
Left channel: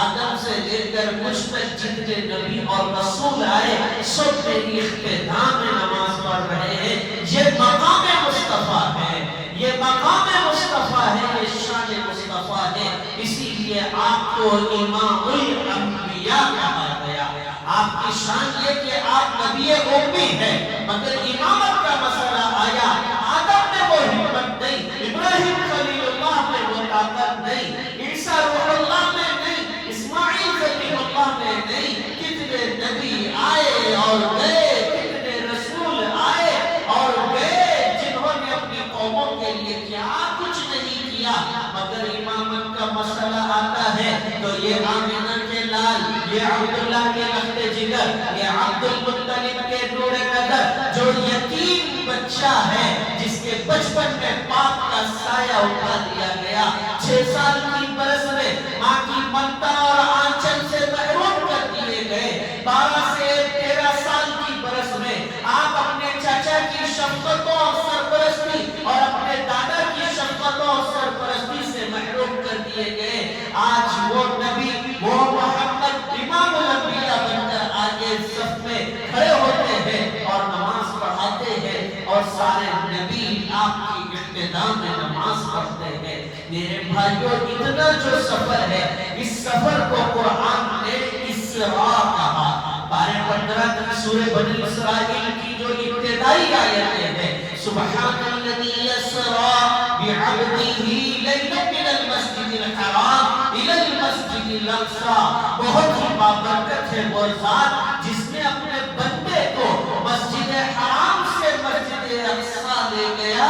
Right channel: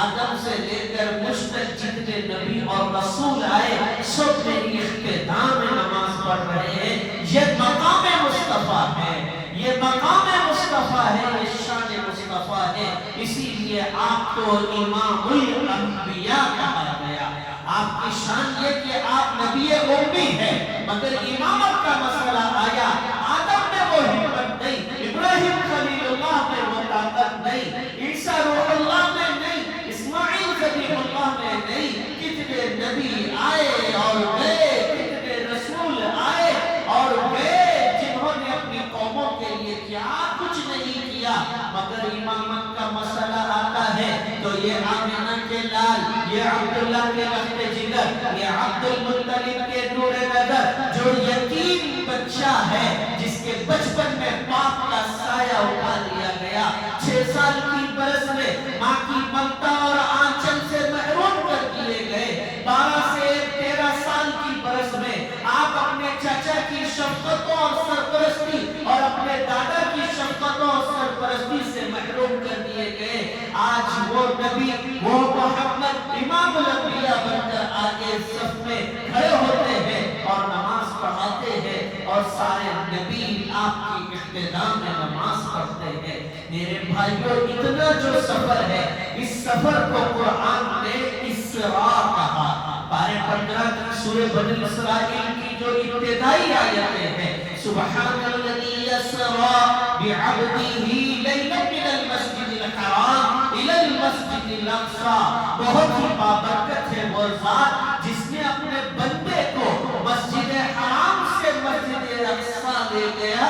آدم سے لے کر مجھ تک جتنے نبی اور رسول آئے سب میری اقتداء میں نماز پڑھ رہے ہیں۔ یہ مقام مصطفیٰ ہے، یہ مقام مصطفیٰ ہے، یہ شان مصطفیٰ ہے، اسی لیے آپ کو امام الانبیاء کہا گیا۔ آپ کی شان یہ کہ آپ نبی امی ہیں، مگر امامت کا مسئلہ آیا، آدم نے وہ ہمت نہیں، ابراہیم خلیل اللہ نے وہ طاقت نہیں، عیسیٰ روح اللہ نے نہیں، اسماعیل خلیل اللہ نے نہیں۔ کتنے نبی آئے اور گئے، کتنے رسول آئے اور گئے، جنہوں نے اپنی قوموں کے لیے کیا کچھ نہیں کیا، مگر امامت کا مسئلہ آتا ہے تو یہ آمینہ کے لال، یہ عبداللہ کے لخت جگر، یہ عبد المطلب کے نور قدر، جو یتیم بچہ ہے جس کے بچپن میں باپ کا سایہ اٹھا دیا گیا، 6 سال کی برس میں ماں کی ممتا اور آنچل سے محروم کر دیے گئے، 12 سے 13 سال کی برس میں آپ اپنے چچا کی شفقت دیے گئے، آج وہ نبی، وہ محمد امام الانبیاء بن کر آگے صف میں کھڑے ہوتے ہیں اور نماز پڑھاتے ہیں، اور سارے نبی آپ کی اقتدا میں نماز پڑھتے ہیں۔ میرے بھائیوں، اتنا جو سفر ہے، اس سفر کو قرآن نے اسراء کہا۔ 12-15 تک سورہ بنی اسرائیل کی جو ابتدائی آیتیں ہیں، سبحان الذی اسریٰ بعبدہ لیلا من المسجد الحرام الی المسجد الاقصیٰ، بہت ہی بابرکت ہے وہ ذات جس نے اپنے بندے کو مسجد حرام سے مسجد اقصیٰ لے گیا۔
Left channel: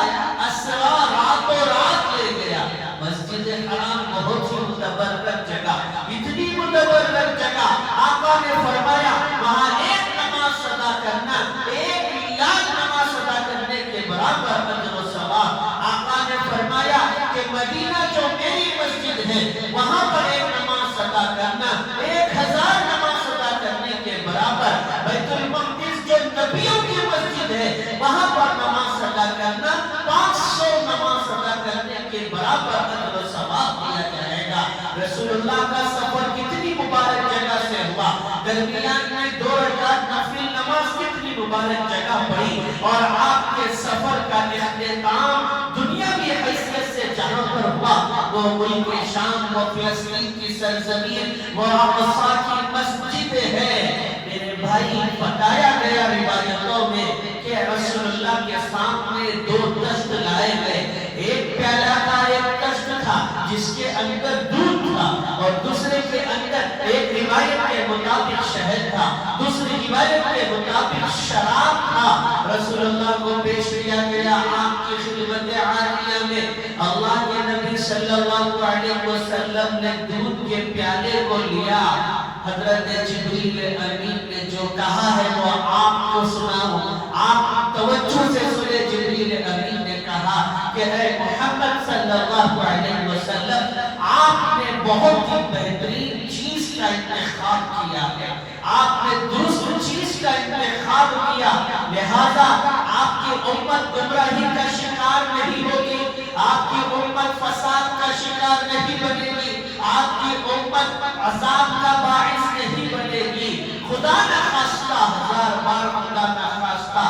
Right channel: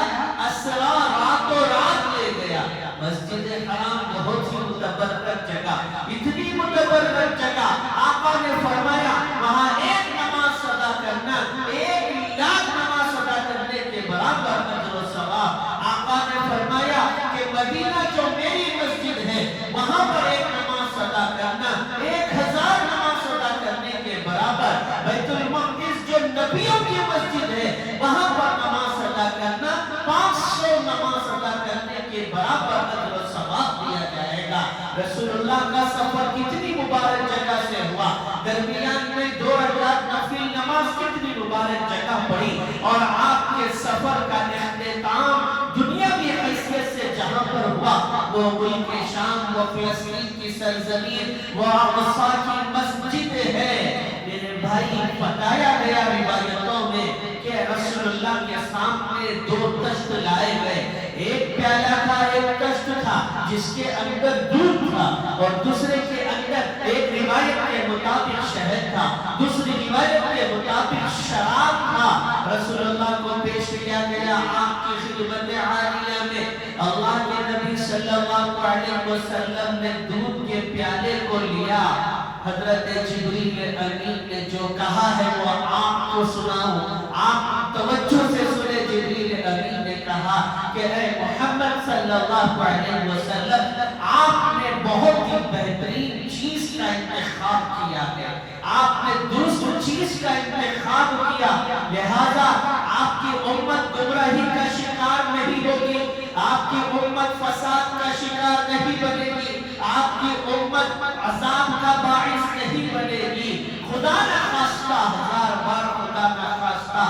اسریٰ راتوں رات لے گیا۔ مسجد حرام بہت ہی متبرکت جگہ، اتنی متبرکت جگہ، آقا نے فرمایا وہاں ایک نماز ادا کرنا 1,00,000 نماز ادا کرنے کے برابر اجر و ثواب۔ آقا نے فرمایا کہ مدینہ جو میری مسجد ہے، وہاں پر ایک نماز ادا کرنا 1,000 نماز ادا کرنے کے برابر۔ بیت المقدس جو نبیوں کی مسجد ہے، وہاں پر نماز ادا کرنا 500 نماز ادا کرنے کے برابر اجر و ثواب دیا جائے گا۔ رسول اللہ کا سفر کتنی مبارک جگہ سے ہوا، درمیان میں 2 رکعت نفل نماز کتنی مبارک جگہ پڑی، اور آپ کے سفر کا اختتام دنیاوی حیثیت سے جہاں پر ہوا، وہ ملک شام، وہ فلسطین کی سرزمین، وہ اقصیٰ کی مسجد ہے۔ میرے بھائی، بتایا گیا روایتوں میں کہ رسول اللہ کے سامنے 2 تشت لائے گئے، ایک پیالہ تھا، ایک تشت تھا جس کے اندر دودھ تھا، اور دوسرے کے اندر ایک روایت کے مطابق شہد تھا، دوسری روایت کے مطابق شراب تھا۔ رسول اللہ کو پیش کیا گیا۔ آپ کی خدمت عالیہ میں اللہ کے نبی صلی اللہ علیہ وسلم نے دودھ کے پیالے کو لیا۔ حضرت جبریل امین نے جو کہا ہے وہ آپ کو سناؤ، آپ توجہ سے سنے۔ جبریل امین نے کہا کہ اے محمد صلی اللہ علیہ وسلم، آپ نے بہت ہی بہترین چیز کا انتخاب کیا ہے، آپ نے درست چیز کا انتخاب کیا، لہذا آپ کی امت گمراہی کا شکار نہیں ہوگی، آپ کی امت فساد کا شکار نہیں بنے گی، آپ کی امت عذاب کا باعث نہیں بنے گی۔ خدا نہ خواستہ، 1000 بار خدا نہ خواستہ،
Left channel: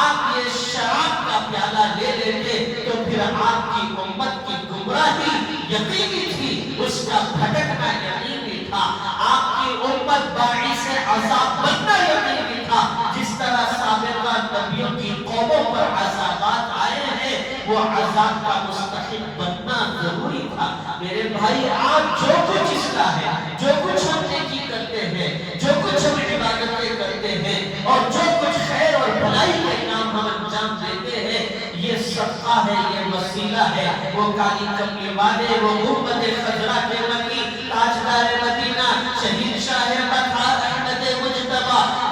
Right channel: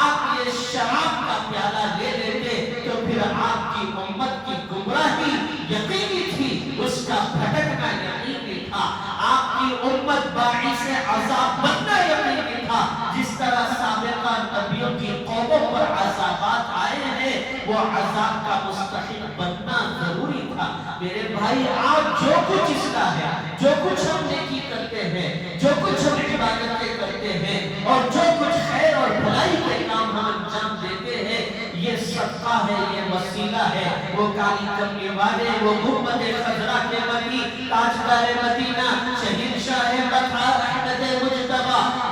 آپ یہ شراب کا پیالہ لے لیتے تو پھر آپ کی امت کی گمراہی یقینی تھی، اس کا بھٹکنا یقینی تھا، آپ کی امت باعث عذاب بننا یقینی تھا۔ جس طرح سابقہ نبیوں کی قوموں پر عذابات آئے ہیں، وہ عذاب کا مستحق بننا ضروری تھا۔ میرے بھائی، آج جو کچھ اس کا ہے، جو کچھ ہم نیکی کرتے ہیں، جو کچھ ہم عبادتیں کرتے ہیں، اور جو کچھ خیر اور بھلائی کے کام ہم انجام دیتے ہیں، یہ صدقہ ہے، یہ وسیلہ ہے۔ وہ کالی کملی والے، وہ محمد خضرا کے نبی، تاجدار مدینہ، شہید شاہ مطہر احمد مجتبی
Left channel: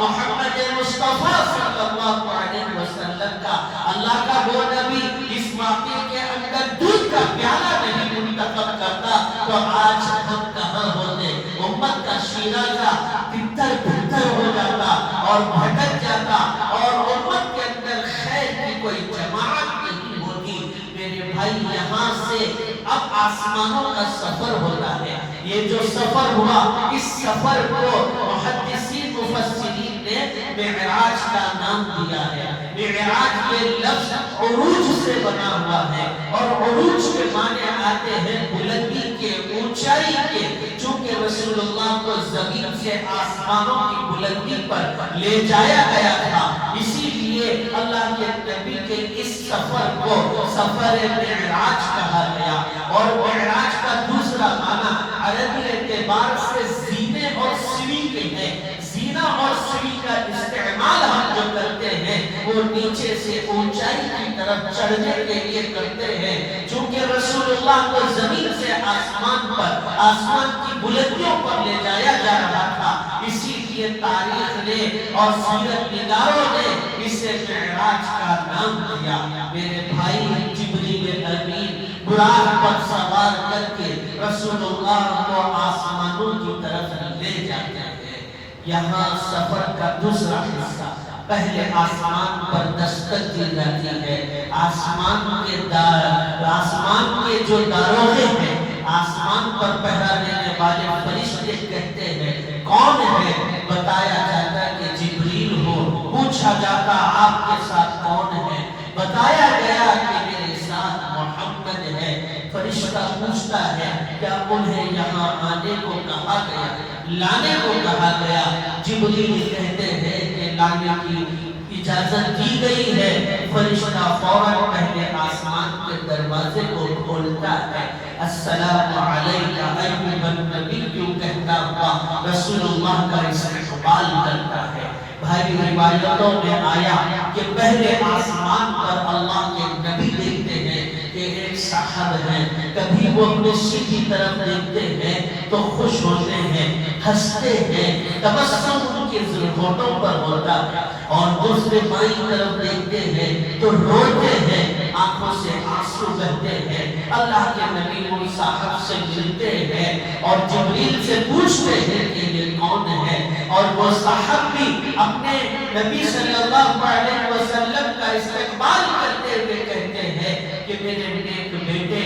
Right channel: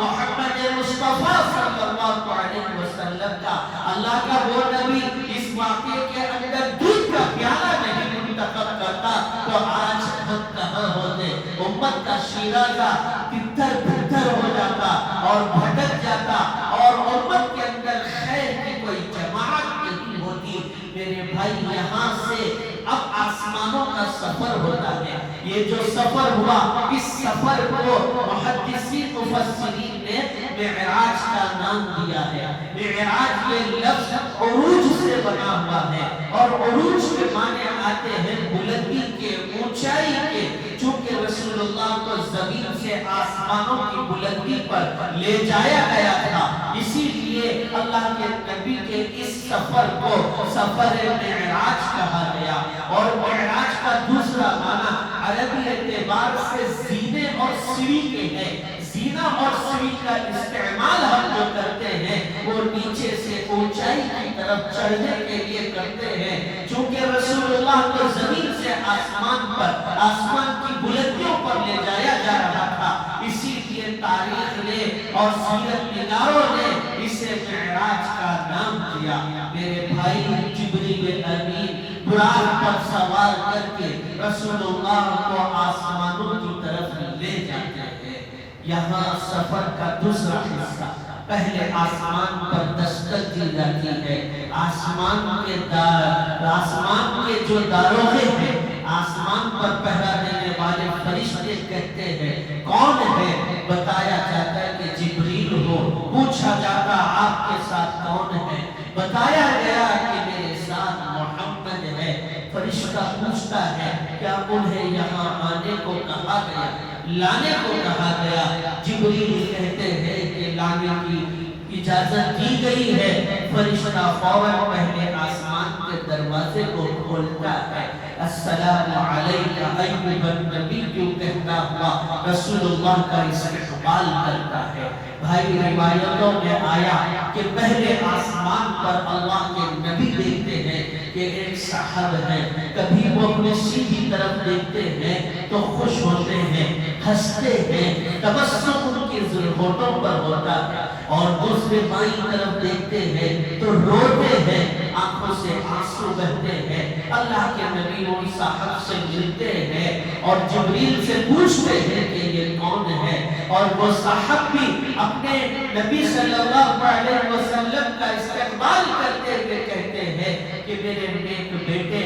محمد مصطفیٰ صلی اللہ علیہ وسلم کا، اللہ کا وہ نبی اس واقعے کے اندر دودھ کا پیالہ نہیں منتخب کرتا تو آج ہم کہاں ہوتے؟ امت کا شیرازہ پتھر پتھر ہو جاتا اور بھٹک جاتا، اور امت کے اندر خیر کی کوئی جماعت نہیں ہوتی۔ میرے بھائی، یہاں سے اب آسمانوں کا سفر ہوتا ہے۔ یہ جو سفر ہوا، اس سفر کو محدثین مفسرین نے معراج کا نام دیا ہے۔ معراج یہ لفظ عروج سے بنا ہوا ہے، اور عروج کے معنی آتے ہیں بلندی کے، اونچائی کے۔ چونکہ رسول اللہ کو زمین سے آسمانوں کی بلندی پر لے جایا گیا تھا، اسی لیے اللہ کے نبی کے اس سفر کو سفر معراج کہا گیا۔ اور معراج کا دوسرا معنی عربی اعتبار سے زینے اور سیڑھی کے ہے۔ زینہ اور سیڑھی کا استعمال ہم جو کرتے ہیں وہ نیچے سے اونچائی کی طرف چڑھنے کے لیے کرتے ہیں۔ چونکہ رسول اللہ کو زمین سے آسمان پر، آسمان کی بلندیوں پر لے جایا جا رہا تھا، اسی لیے تاریخ نے اور سیرت نگاروں نے اسے معراج کا نام دیا۔ میرے بھائی، جبریل امین براق پر سوار کر کے رسول اللہ کو آسمانوں کی طرف لے جاتے ہیں۔ یہاں سفر کا دوسرا حصہ، پہلے آسمان پر دستک دی جاتی ہے۔ آسمان کے جو داروغے ہیں، آسمان فرشتہ پوچھتا ہے کیا انہیں یہاں آنے کو کہا گیا، لانے کو کہا گیا؟ جبریل کہتے ہیں کہ لانے کی اجازت دی گئی ہے۔ فرشتہ فوراً پہلے آسمان کے دروازے کو کھولتا ہے، السلام علیکہ ایھا النبی کہتا ہوا رسول اللہ کا استقبال کرتا ہے۔ بھائی روایتوں میں آیا کہ پہلے آسمان پر اللہ کے نبی دیکھتے ہیں کہ ایک صاحب ہیں، کبھی وہ اپنے سیدھی طرف دیکھتے ہیں تو خوش ہوتے ہیں، ہنستے ہیں، تبسم ان کے ہونٹوں پر ہوتا ہے، اور دوسرے بائیں طرف دیکھتے ہیں تو روتے ہیں، آنکھوں سے آنسو بہتے ہیں۔ اللہ کے نبی ان صاحب سے ملتے ہیں اور جبریل سے پوچھتے ہیں کہ یہ کون ہے، اور وہ صاحب بھی اپنے نبی صلی اللہ علیہ وسلم کا استقبال کرتے ہوئے کہتے ہیں کہ میرے نیک بیٹے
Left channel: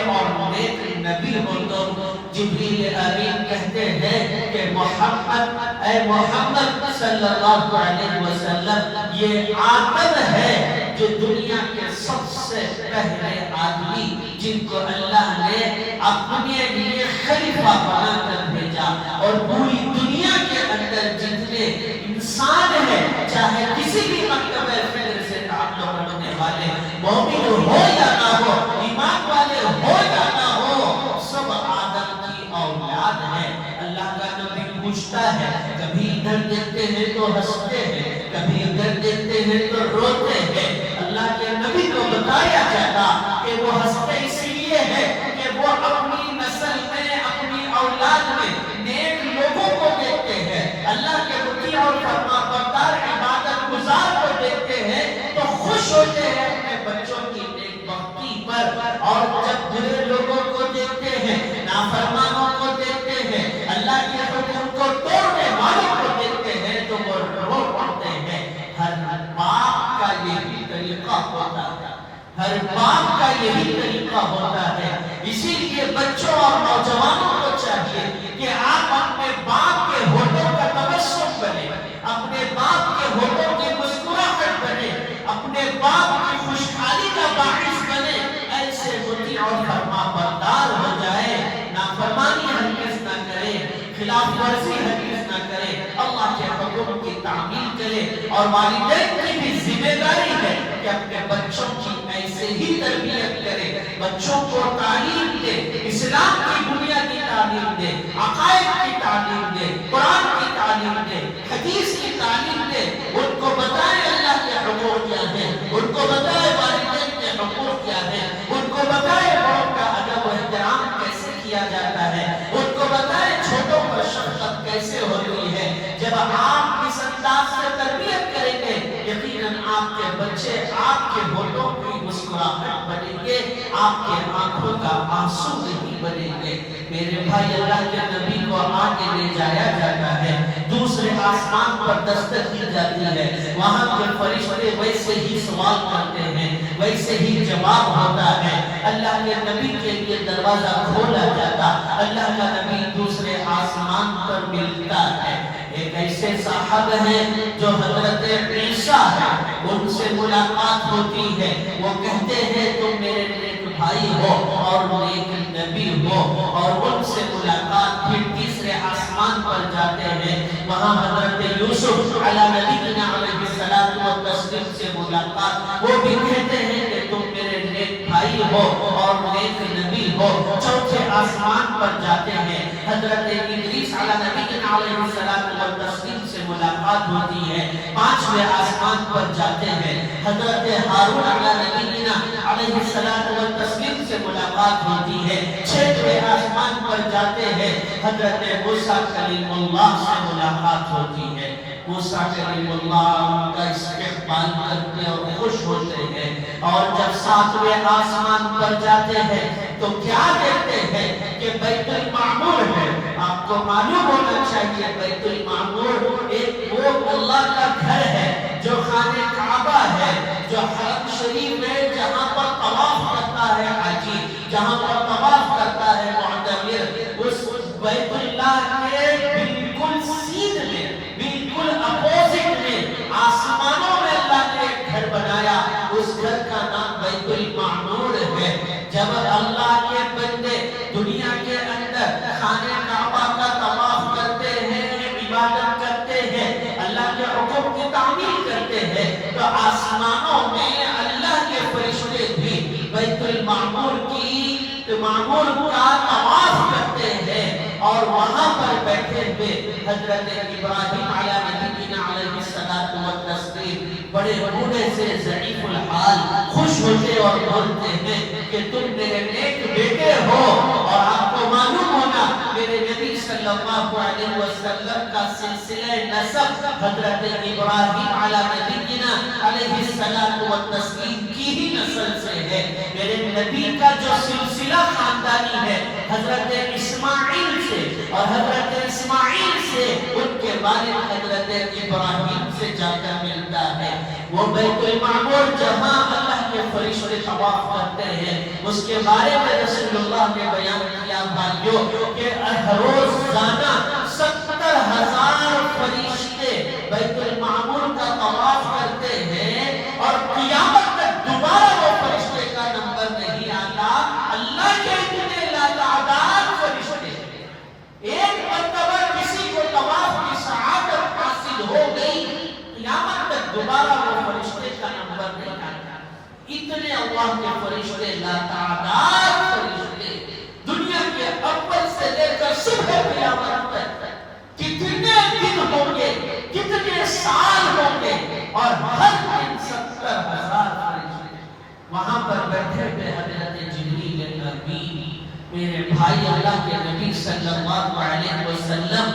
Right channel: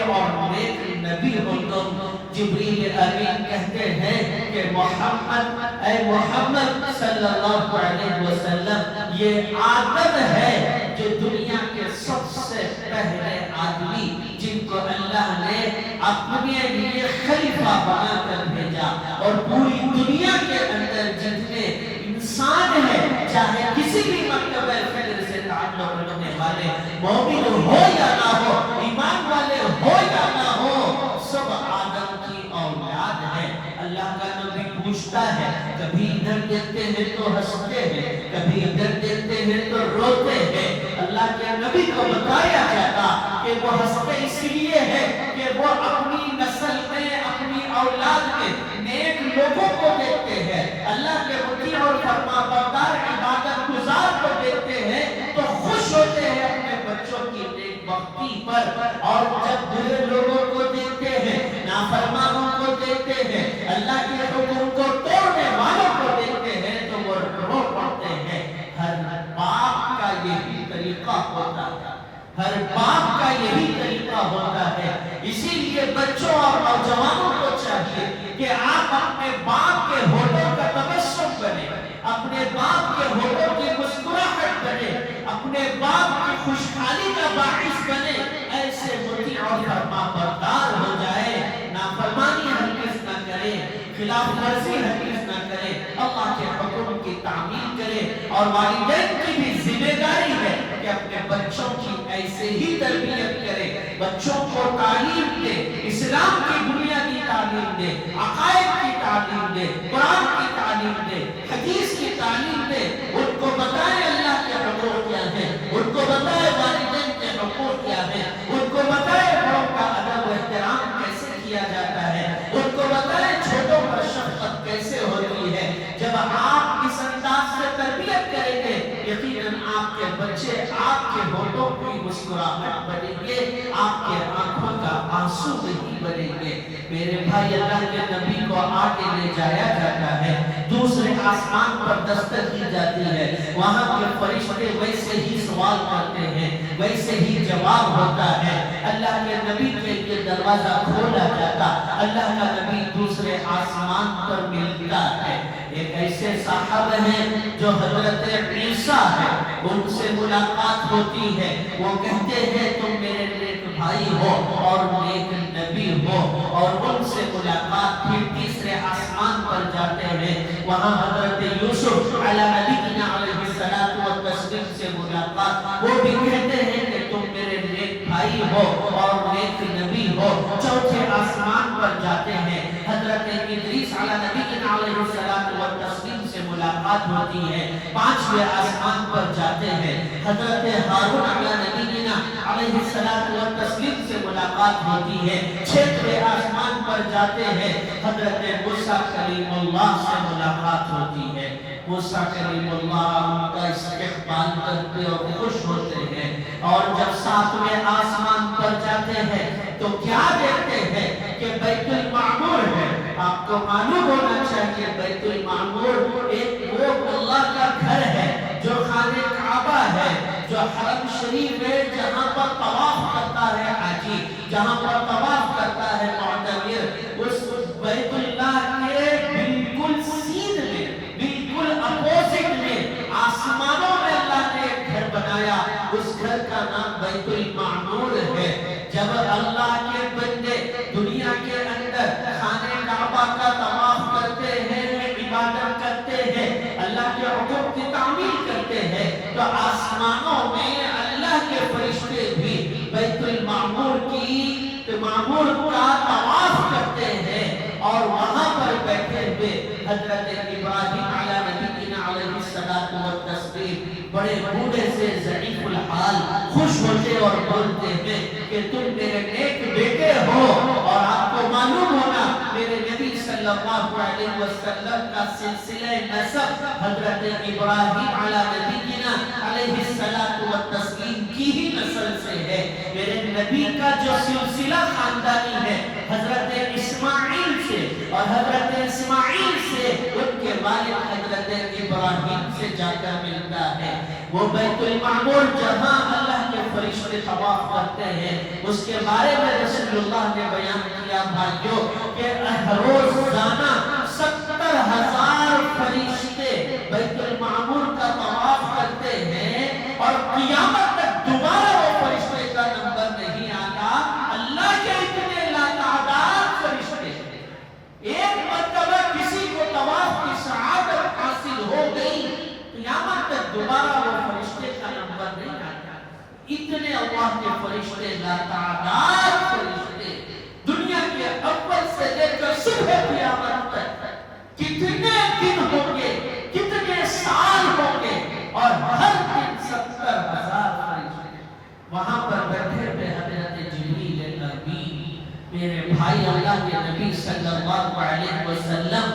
اور نیک نبی ہو تم۔ جبریل امین کہتے ہیں کہ محمد، اے محمد صلی اللہ علیہ وسلم، یہ آدم ہے جو دنیا کے سب سے پہلے آدمی جن کو اللہ نے اپنے لیے خلیفہ بنا کر بھیجا، اور پوری دنیا کے اندر جتنے انسان ہیں، چاہے کسی بھی مرتبہ فکر سے تعلق رکھنے والے، مومن ہو یا نہ ہو، ایمان والے ہو یا نہ ہو، سب آدم کی اولاد ہیں۔ اللہ کا نبی پوچھتا ہے، کبھی ادھر دیکھتے ہیں تو ہنستے ہیں، کبھی ادھر دیکھتے ہیں تو روتے ہیں۔ اللہ کے نبی کو بتایا جاتا کہ وہ ہنستے اس لیے ہے کہ وہ اپنی نسل میں، اپنی اولاد میں نیک لوگوں کو دیکھتے ہیں، اللہ کے مطیع اور فرمانبردار عبادت گزار کو دیکھتے ہیں تو خوش ہوتے ہیں اپنے بچوں کی نیک بختی پر، اور جب برے لوگوں کو دیکھتے ہیں، نافرمانوں کو دیکھتے ہیں، اللہ کے حکم کو توڑنے والوں کو دیکھتے ہیں تو وہ رو پڑتے ہیں۔ ہر باپ کا یہی طریقہ ہوتا ہے، ہر باپ کا یہی طریقہ ہوتا ہے۔ اسی لیے بچوں اور نوجوانوں کو چاہیے کہ آپ اپنے باپ کے ہونٹوں کا تبسم بنے، اپنے باپ کے ہونٹوں کی مسکراہٹ بنے، اپنے باپ کی خوشحالی کا باعث بنے، ایسے مطیع اور فرمانبردار ہو جائے، نافرمانی ہرگز نہ کرے، خلاف ورزی ہرگز نہ کرے، اللہ کے حکم کی تعمیل کرے۔ اور والدین کی بھی ذمہ داری ہے کہ اپنے بچوں کی ایسے ہی تربیت کرے، بچوں کو تعلیم دے، اسلام کی بنیادی تعلیم دے، عقائد کی تعلیم دے، قرآن کی تعلیم دے، حدیث کی تعلیم دے، ان کو بتائے اللہ کے حقوق کیا ہے، ان کو بتائے والدین کے حقوق کیا ہے، ان کو بتائے بڑوں کا ادب و احترام کیسے کیا جاتا ہے، ان کو بتائے چھوٹوں پر شفقت کیسے ہوتی ہے۔ جب آپ اس انداز سے تربیت کریں گے، یقیناً آپ کے بچے آپ کے ہونٹوں کی مسکراہٹ بنیں گے، آپ کے آنکھوں کا آنسو نہیں بنیں گے۔ میرے بھائی، اللہ کے نبی کو آگے لے جایا جاتا ہے، دوسرے آسمان پر دستک دی جاتی ہے، وہاں کے فرشتے ویسے ہی سوال کرتے ہیں، ویسے ہی جواب ہوتا ہے، اللہ کے نبی کے لیے دروازہ کھولا جاتا، اللہ کا نبی دوسرے آسمان پر ملتا ہے۔ ایک ایسے صاحب ہیں جو حضرت عیسیٰ ہے، ان سے ملاقات ہوتی ہے، وہ کہتے ہیں تم میرے نیک بھائی ہو اور نیک نبی ہو، اور ان سے ملاقات پھر تیسرے آسمان پر جاتے ہیں، وہاں حضرت یوسف علیہ نبینا علیہ السلام و تسلیم سے ملاقات، وہ بھی کہتے ہیں کہ تم میرے نیک بھائی ہو اور نیک نبی ہو۔ چوتھے آسمان پر جاتے ہیں، حضرت ادریس علیہ نبینا علیہ السلام و تسلیم سے ملاقات ہوتی ہے۔ پانچویں آسمان پر جاتے ہیں، حضرت ہارون علیہ نبینا علیہ السلام و تسلیم سے ملاقات ہوتی ہے۔ چھٹویں آسمان پر جاتے ہیں، حضرت موسیٰ کلیم اللہ سے ملاقات ہوتی ہے۔ موسیٰ کلیم اللہ ان کا استقبال کرتے اور خوش ہوتے ہیں، اور جب ساتویں آسمان پر جاتے ہیں تو کیا دیکھتے ہیں کہ بیت المعمور ہے۔ آپ کو معلوم ہونا چاہیے بیت المعمور ایک وہ اللہ کا گھر ہے جو خانہ کعبہ ہے، جو حرم شریف ہے، جہاں پر طواف کرتا ہے حاجی، جہاں پر طواف کرتا ہے معتمر، اس بیت اللہ کے بالکل سین میں، بالکل اپوزٹ میں، آسمانوں میں اللہ نے ایک گھر بنایا، اس گھر کا نام بیت المعمور ہے۔ خوش ہوتے اور بولتے ہیں کہ تم میرے نیک بیٹے ہو، اور آپ کو معلوم ہوگا میرے نبی صلی اللہ علیہ وسلم کا سلسلہ نسب حضرت ابراہیم علیہ نبینا علیہ السلام و تسلیم کی ہی نسل سے ہے۔ میرے نبی کا جو سلسلہ خاندانی ہے حضرت اسماعیل سے، اور حضرت اسماعیل سے ان کے والد حضرت ابراہیم سے جا کر ملتا ہے۔ وہ بیت المعمور جہاں اللہ کے فرشتے طواف کرتے ہیں، اس کے بارے میں رسول اللہ نے بیان کیا بھائیوں کہ روزانہ 70,000 فرشتے بیت المعمور کا طواف کرتے ہیں، اور قیامت تک دوبارہ وہ فرشتے کا نمبر نہیں آتا۔ اللہ کے اتنے لاتعداد فرشتے، ایک مرتبہ کسی کو طواف کی سعادت حاصل ہو گئی، قیامت تک دوبارہ وہ فرشتے کا نمبر نہیں آتا۔ اتنے اللہ کے فرشتے، لاتعداد فرشتے، دنیا کے اول سے لے کر صبح قیامت تک کتنے دن ہوں گے، کتنے سال ہوں گے، اور ہر دن 70,000 فرشتے وہاں پر بیٹھے ہوئے حضرت جبریل امین میرے بھائی اللہ کے نبی صلی اللہ علیہ وسلم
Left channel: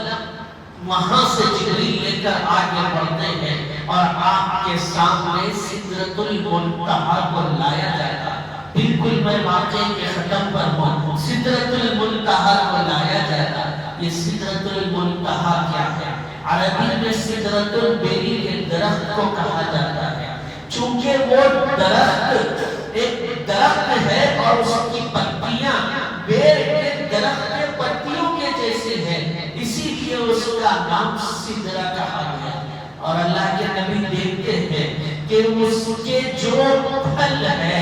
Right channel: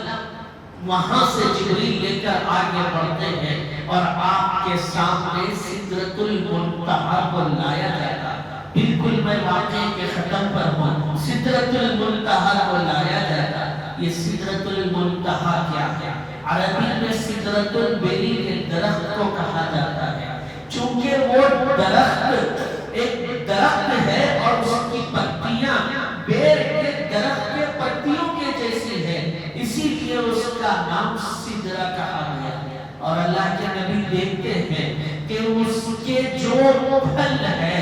وہاں سے جبریل لے کر آگے بڑھتے ہیں، اور آپ کے سامنے سدرۃ المنتہا کو لایا جاتا ہے۔ بالکل میں واقعے کے ختم پر ہوں، سدرۃ المنتہا کو لایا جاتا ہے۔ یہ سدرۃ المنتہا کیا ہے؟ عربی میں سدرۃ البری کے درخت کو کہا جاتا ہے، چونکہ وہ درخت ایک درخت ہے اور اس کی پتیاں بیر کے درخت کے پتیوں کے جیسے ہیں، اسی لیے اس کا نام سدرہ کہا گیا۔ اور اللہ کے نبی دیکھتے ہیں کہ اس کے جو پھل ہے،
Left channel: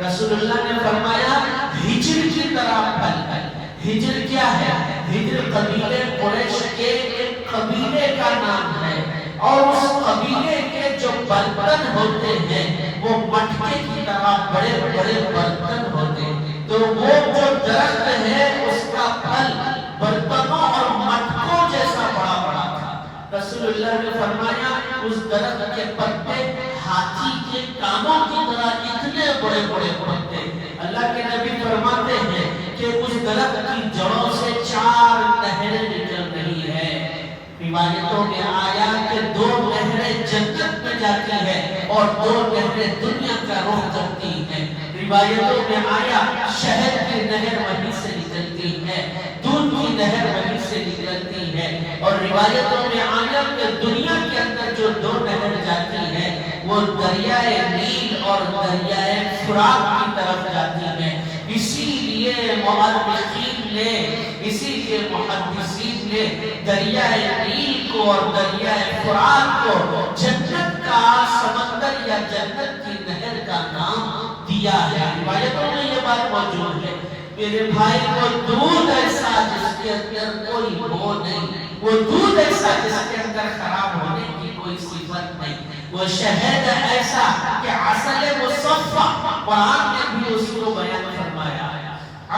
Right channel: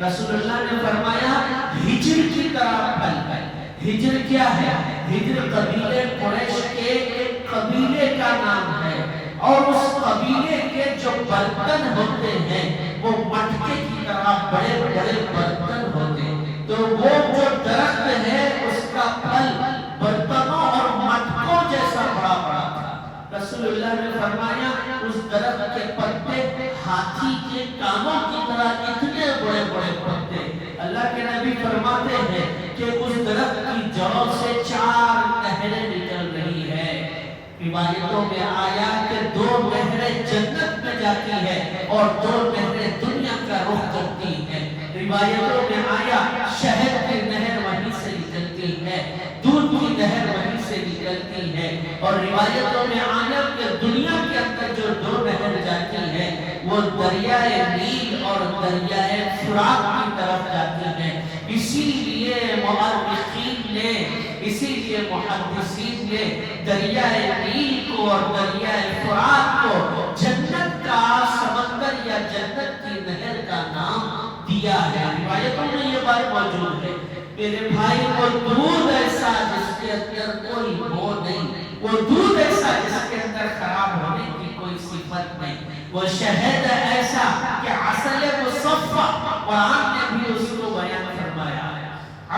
رسول اللہ نے فرمایا ہجر کی طرح پھل ہے۔ ہجر کیا ہے؟ ہجر قبیلے قریش کے ایک قبیلے کا نام ہے، اور اس قبیلے کے جو برتن ہوتے ہیں وہ مٹکے کی طرح بڑے بڑے برتن ہوتے ہیں، تو وہ جو درخت ہے اس کا پھل برتنوں اور مٹکوں جیسا بڑا بڑا تھا۔ رسول اللہ نے فرمایا اس درخت کے پتے ہاتھی کے کانوں کی طرح اتنے بڑے بڑے پتے۔ اللہ کے نبی فرماتے ہیں کہ اس درخت کی جڑوں سے 4 نہریں نکل رہی ہے۔ روایتوں میں آیا کہ 2 نہریں جنت میں جاتی ہے اور 2 نہریں دنیا کا رخ کرتی ہیں۔ روایتوں میں آیا شہد کی نہر وہیں سے نکلتی ہے، دودھ کی نہر وہیں سے نکلتی ہے، اور روایتوں میں آیا کہ دنیا کے اندر جو 2 نہر جاتی ہیں وہ دریائے نیل اور دریائے فرات کی طرف جاتی ہیں۔ اسی لیے مؤرخین نے، اسی لیے محدثین نے دریائے نیل کو اور دریائے فرات کو جنت کا سمندر یا جنت کی نہر کا نام دیا ہے۔ روایتوں میں یہ بات موجود ہے۔ میرے بھائی وہ دودھ ایسا جس کے اندر کوئی بو نہیں، وہ دودھ ایسا جس کے اندر خراب ہونے کی کوئی صفت نہیں، وہ شہد ایسا کہ عسل مصفا، قرآن نے بھی اس کو بیان فرمایا،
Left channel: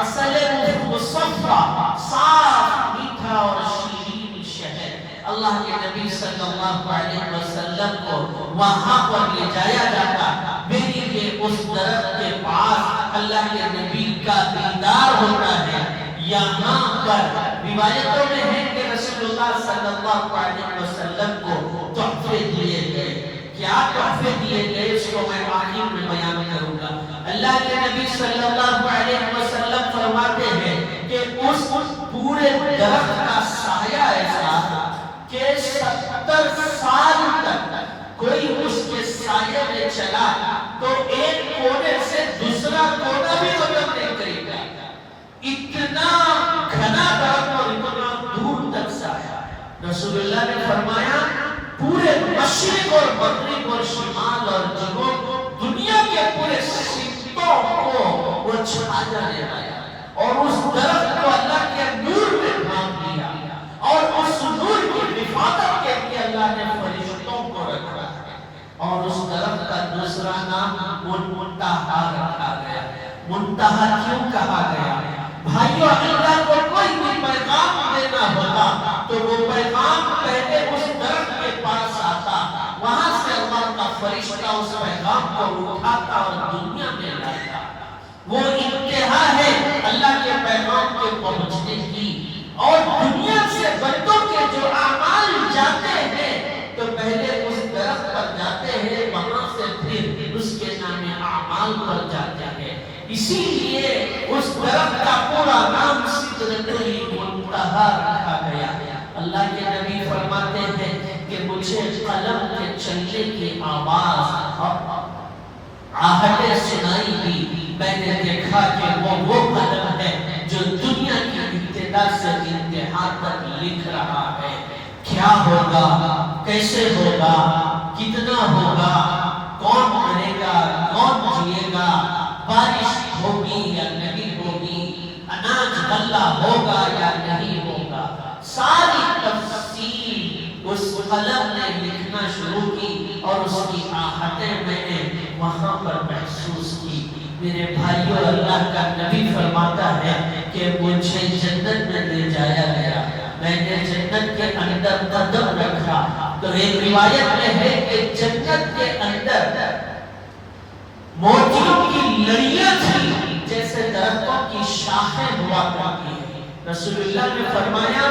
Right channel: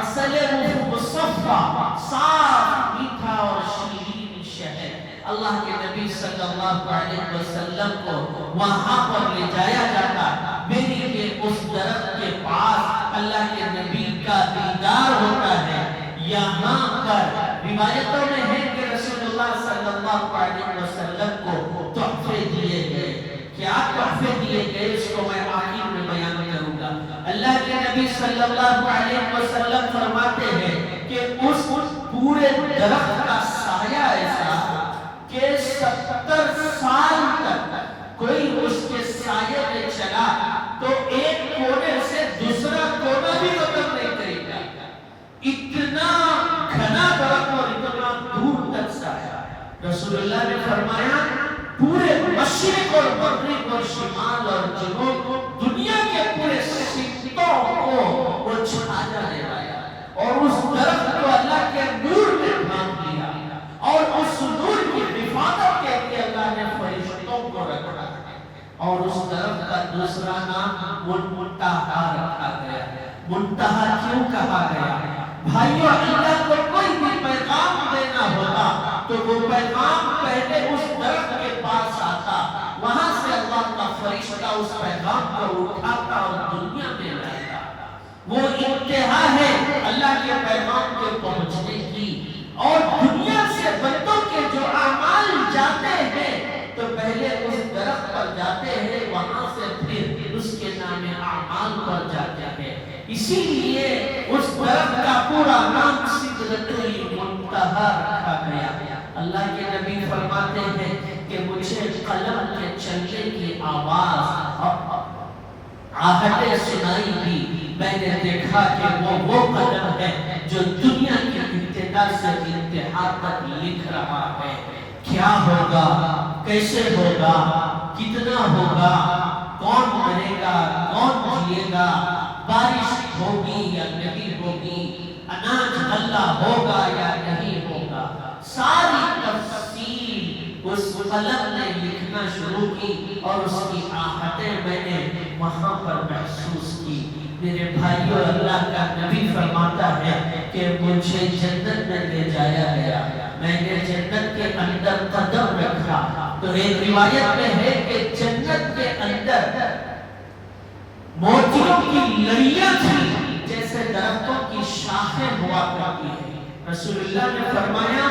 عسل مصفا، صاف میٹھا اور شیرین شہد۔ اللہ کے نبی صلی اللہ علیہ وسلم کو وہاں پر لے جایا جاتا، میری کے اس درخت کے پاس اللہ کے نبی کا دیدار ہوتا ہے۔ یہاں پر روایتوں میں ہے کہ رسول اللہ صلی اللہ علیہ وسلم کو تحفے دیے گئے۔ کیا تحفے دیے گئے اس کو میں آخر میں بیان کروں گا۔ اللہ کے نبی صلی اللہ علیہ وسلم فرماتے ہیں کہ اس پورے درخت کا سایہ ایسا کہ 70 سال تک کوئی اس کے سایہ میں چلا تو ایک کونے سے دوسرا کونا بھی بدل نہیں کرے گا، اتنا گھنا درخت اور اتنا دور تک سایہ۔ رسول اللہ نے فرمایا پورے مشرق اور مغرب اور شمال اور جنوب دنیا کے پورے سمتوں کو وہ چھا جانے والا، اور اس درخت کو اللہ کے نور میں ڈھانپ دیا، اور اس نور کی حفاظت کے لیے اللہ نے فرشتوں کو رکھا، اور اس درخت کا دوسرا نام منتہا رکھا گیا۔ منتہا کیوں کہا گیا؟ بھائیو اللہ کو کوئی بھی پیغام دینا ہوتا تو وہ پیغام پہلے اس درخت کے پاس آتا، وہاں سے اللہ کا فرشتہ اس پیغام کو اٹھاتا اور دنیا میں لاتا۔ وہ انتہا ہے اللہ کے پیغام کے پہنچنے کی، اور دنیا سے بندوں کے جو اعمال جاتے ہیں تو پہلے اس درخت پر جاتے ہیں، وہاں سے پھر اس کے نام اعمال پر جاتے ہیں۔ اسی لیے اس درخت کا پورا نام سدرۃ المنتہا رکھا گیا۔ اللہ کے نبی فرماتے ہیں کہ مجھے قلم کے چلنے کی آواز آہٹیں سنائی دی، میں نے دیکھا کہ وہ قلم ہے جو دنیا کی ابتدا سے انتہا تک لکھ رہا ہے۔ کیا ہوگا، کیسے ہوگا، کتنا ہوگا، کون مرے گا، کون جیے گا، بارش ہوگی یا نہیں ہوگی، اناج غلہ ہوگا یا نہیں ہوگا، ساری تفصیل اس قلم نے لکھنا شروع کی، اور اس کی آہٹیں میں نے وہاں پر محسوس کی۔ میرے بھائیو، اللہ کا نبی فرماتا ہے کہ مجھے جنت میں لے جایا گیا، میں نے جنت کے اندر قدم رکھا تو ایک روایت میں ہے کہ جنت کے اندر موتیوں کی لڑیاں تھیں جیسے درختوں کی شاخیں ہوا کرتی ہیں۔ رسول اللہ نے فرمایا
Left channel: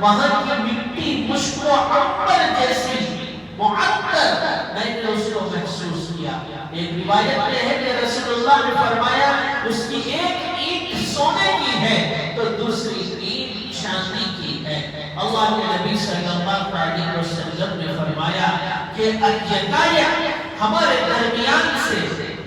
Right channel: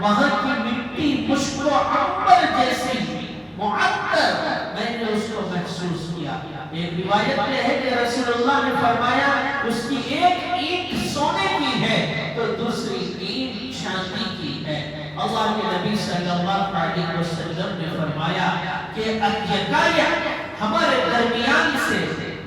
وہاں کی مٹی مشک و عنبر جیسی معطر، میں نے اس کو محسوس کیا۔ ایک روایت میں ہے کہ رسول اللہ نے فرمایا اس کی ایک اینٹ سونے کی ہے تو دوسری اینٹ چاندی کی ہے۔ اللہ کے نبی صلی اللہ علیہ وسلم نے فرمایا کہ یکایک ہمارے درمیان سے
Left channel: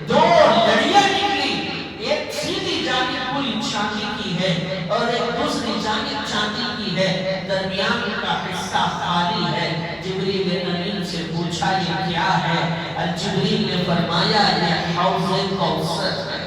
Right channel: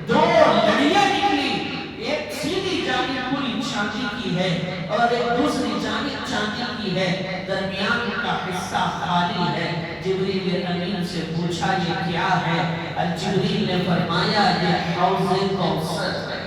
دو لڑیاں نکلی، ایک سیدھی جانب پوری چاندی کی ہے اور ایک دوسری جانب چاندی کی ہے، درمیان کا حصہ خالی ہے۔ جبریل امین سے پوچھا یہ کیا ہے؟ جبریل نے فرمایا یہ حوض کوثر ہے،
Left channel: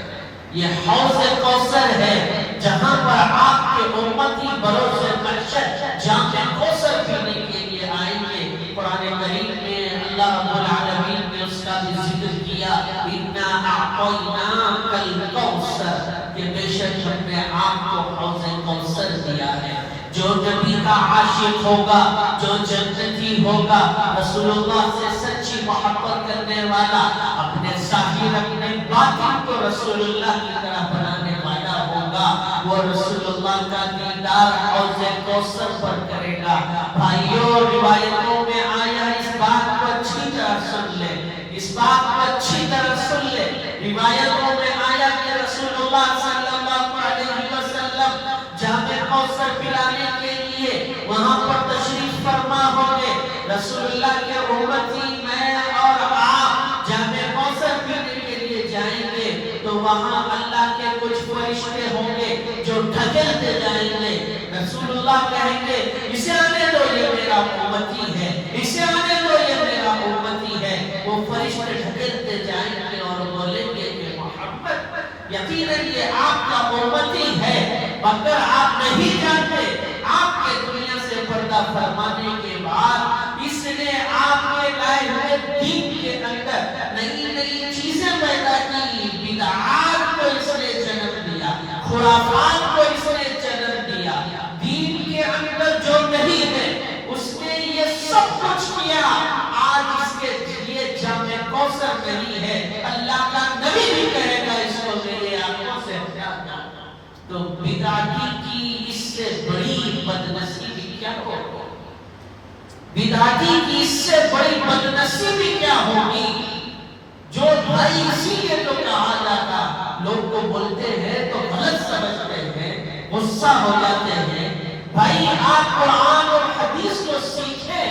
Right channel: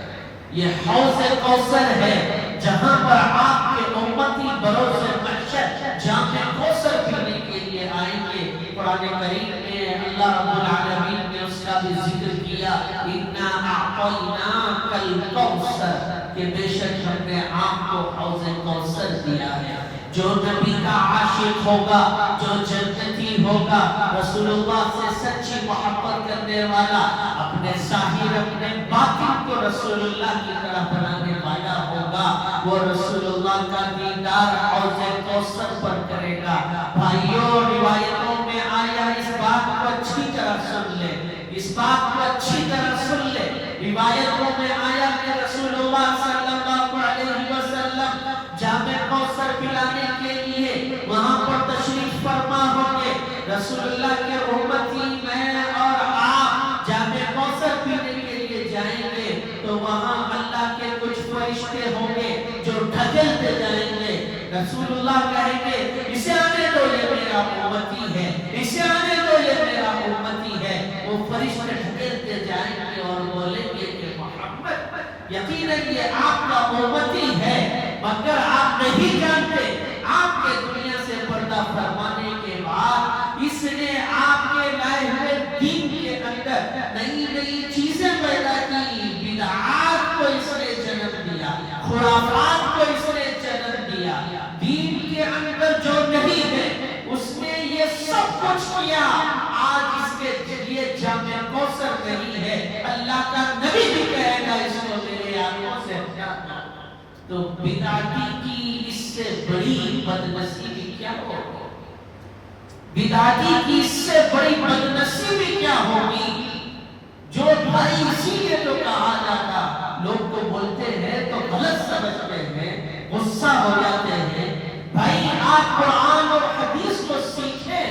یہ حوض کوثر ہے جہاں پر آپ کے امتی بروز محشر جام کوثر پینے کے لیے آئیں گے۔ قرآن کریم میں اللہ رب العالمین نے اس کا بھی ذکر کیا، اِنَّا أَعْطَيْنَاكَ الْكَوْثَرَ، کہ بے شک ہم نے آپ کو حوض کوثر دیا ہے۔ جو نبی کا عاشق ہوگا، جو جنتی ہوگا، رسول اللہ سے سچی محبت کرنے والا، اپنے ظاہر اپنے باطن کو رسول اللہ کی طرح بنانے والا ہوگا، وہ رسول اللہ کا دیدار حوض کوثر پر کرے گا۔ بھائیوں، روایتوں میں آیا، اس بات کو اچھی طرح سن لے، اس بات کو اچھی طرح سن لے۔ روایتوں میں آیا کہ رسول اللہ صلی اللہ علیہ وسلم جام کوثر پلانے کے لیے وہاں پر تشریف فرما ہوں گے۔ رسول اللہ کے امتی میں اور آپ جام کوثر پینے کے لیے جائیں گے تو وہاں اللہ کے کچھ فرشتے ہوں گے جو ڈھکیلتے جائیں گے۔ رسول اللہ کہیں گے اسے آنے دو، یہ میرا امتی ہے، اسے آنے دو، یہ میرا امتی ہے۔ وہ فرشتے ڈھکیلتے جائیں گے اور بولیں گے کہ محمد یقیناً یہ آپ کا امتی ہے، مگر آپ نہیں جانتے آپ کے دنیا سے پردہ فرمانے کے بعد اس نے آپ کے لائے ہوئے دین کے اندر نئی نئی چیزیں پیدا کی، بدعات کو اس نے جنم دیا، خرافات کو اس نے جنم دیا، دین کے اندر جو نہیں ہے اس نے یہ سب کچھ کیا۔ آج اس کے ذریعے جام کوثر نہیں ہے، اللہ کا نبی بھی کہے گا اس کو میرے آنکھوں سے ہٹا۔ تو بدعتی کی اس سے بڑی بدنصیبی کیا ہوگی؟ بدعتی کی اس سے بڑی بدنصیبی کیا ہوگی؟ جو بھائی اسی لیے تو کہا جاتا، لوگ کو بولتے ہیں تو غلط سمجھتے ہیں، غصہ ہو جاتے ہیں۔ بھائی آپ قرآن اور حدیث کو سیکھیں،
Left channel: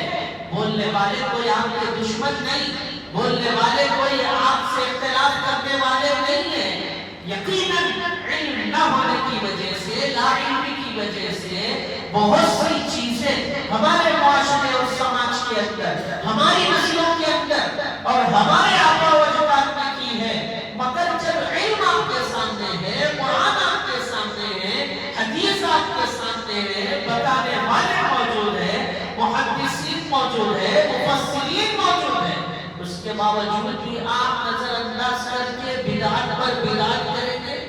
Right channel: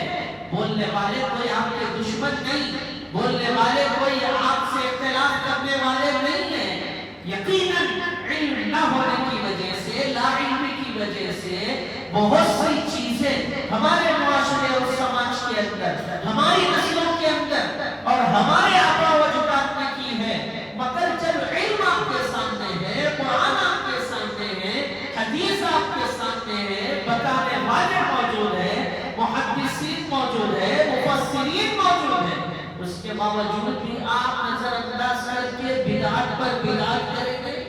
بولنے والے کوئی آپ کے دشمن نہیں، بولنے والے کوئی آپ سے اختلاف کرنے والے نہیں ہیں۔ یقیناً علم نہ ہونے کی وجہ سے، لا علمی کی وجہ سے بہت سی چیزیں ہمارے معاشرے اور سماج کے اندر، ہماری نسلوں کے اندر اور ہمارے آبا و اجداد نے کی ہے، مگر جب علم آپ کے سامنے ہے، قرآن آپ کے سامنے ہے، حدیث آپ کے سامنے ہے، بتانے والے موجود ہیں، محدثین موجود ہیں، مفسرین موجود ہیں، اس کے باوجود بھی آپ نظر انداز کر کے بدعت پر بدعت کریں گے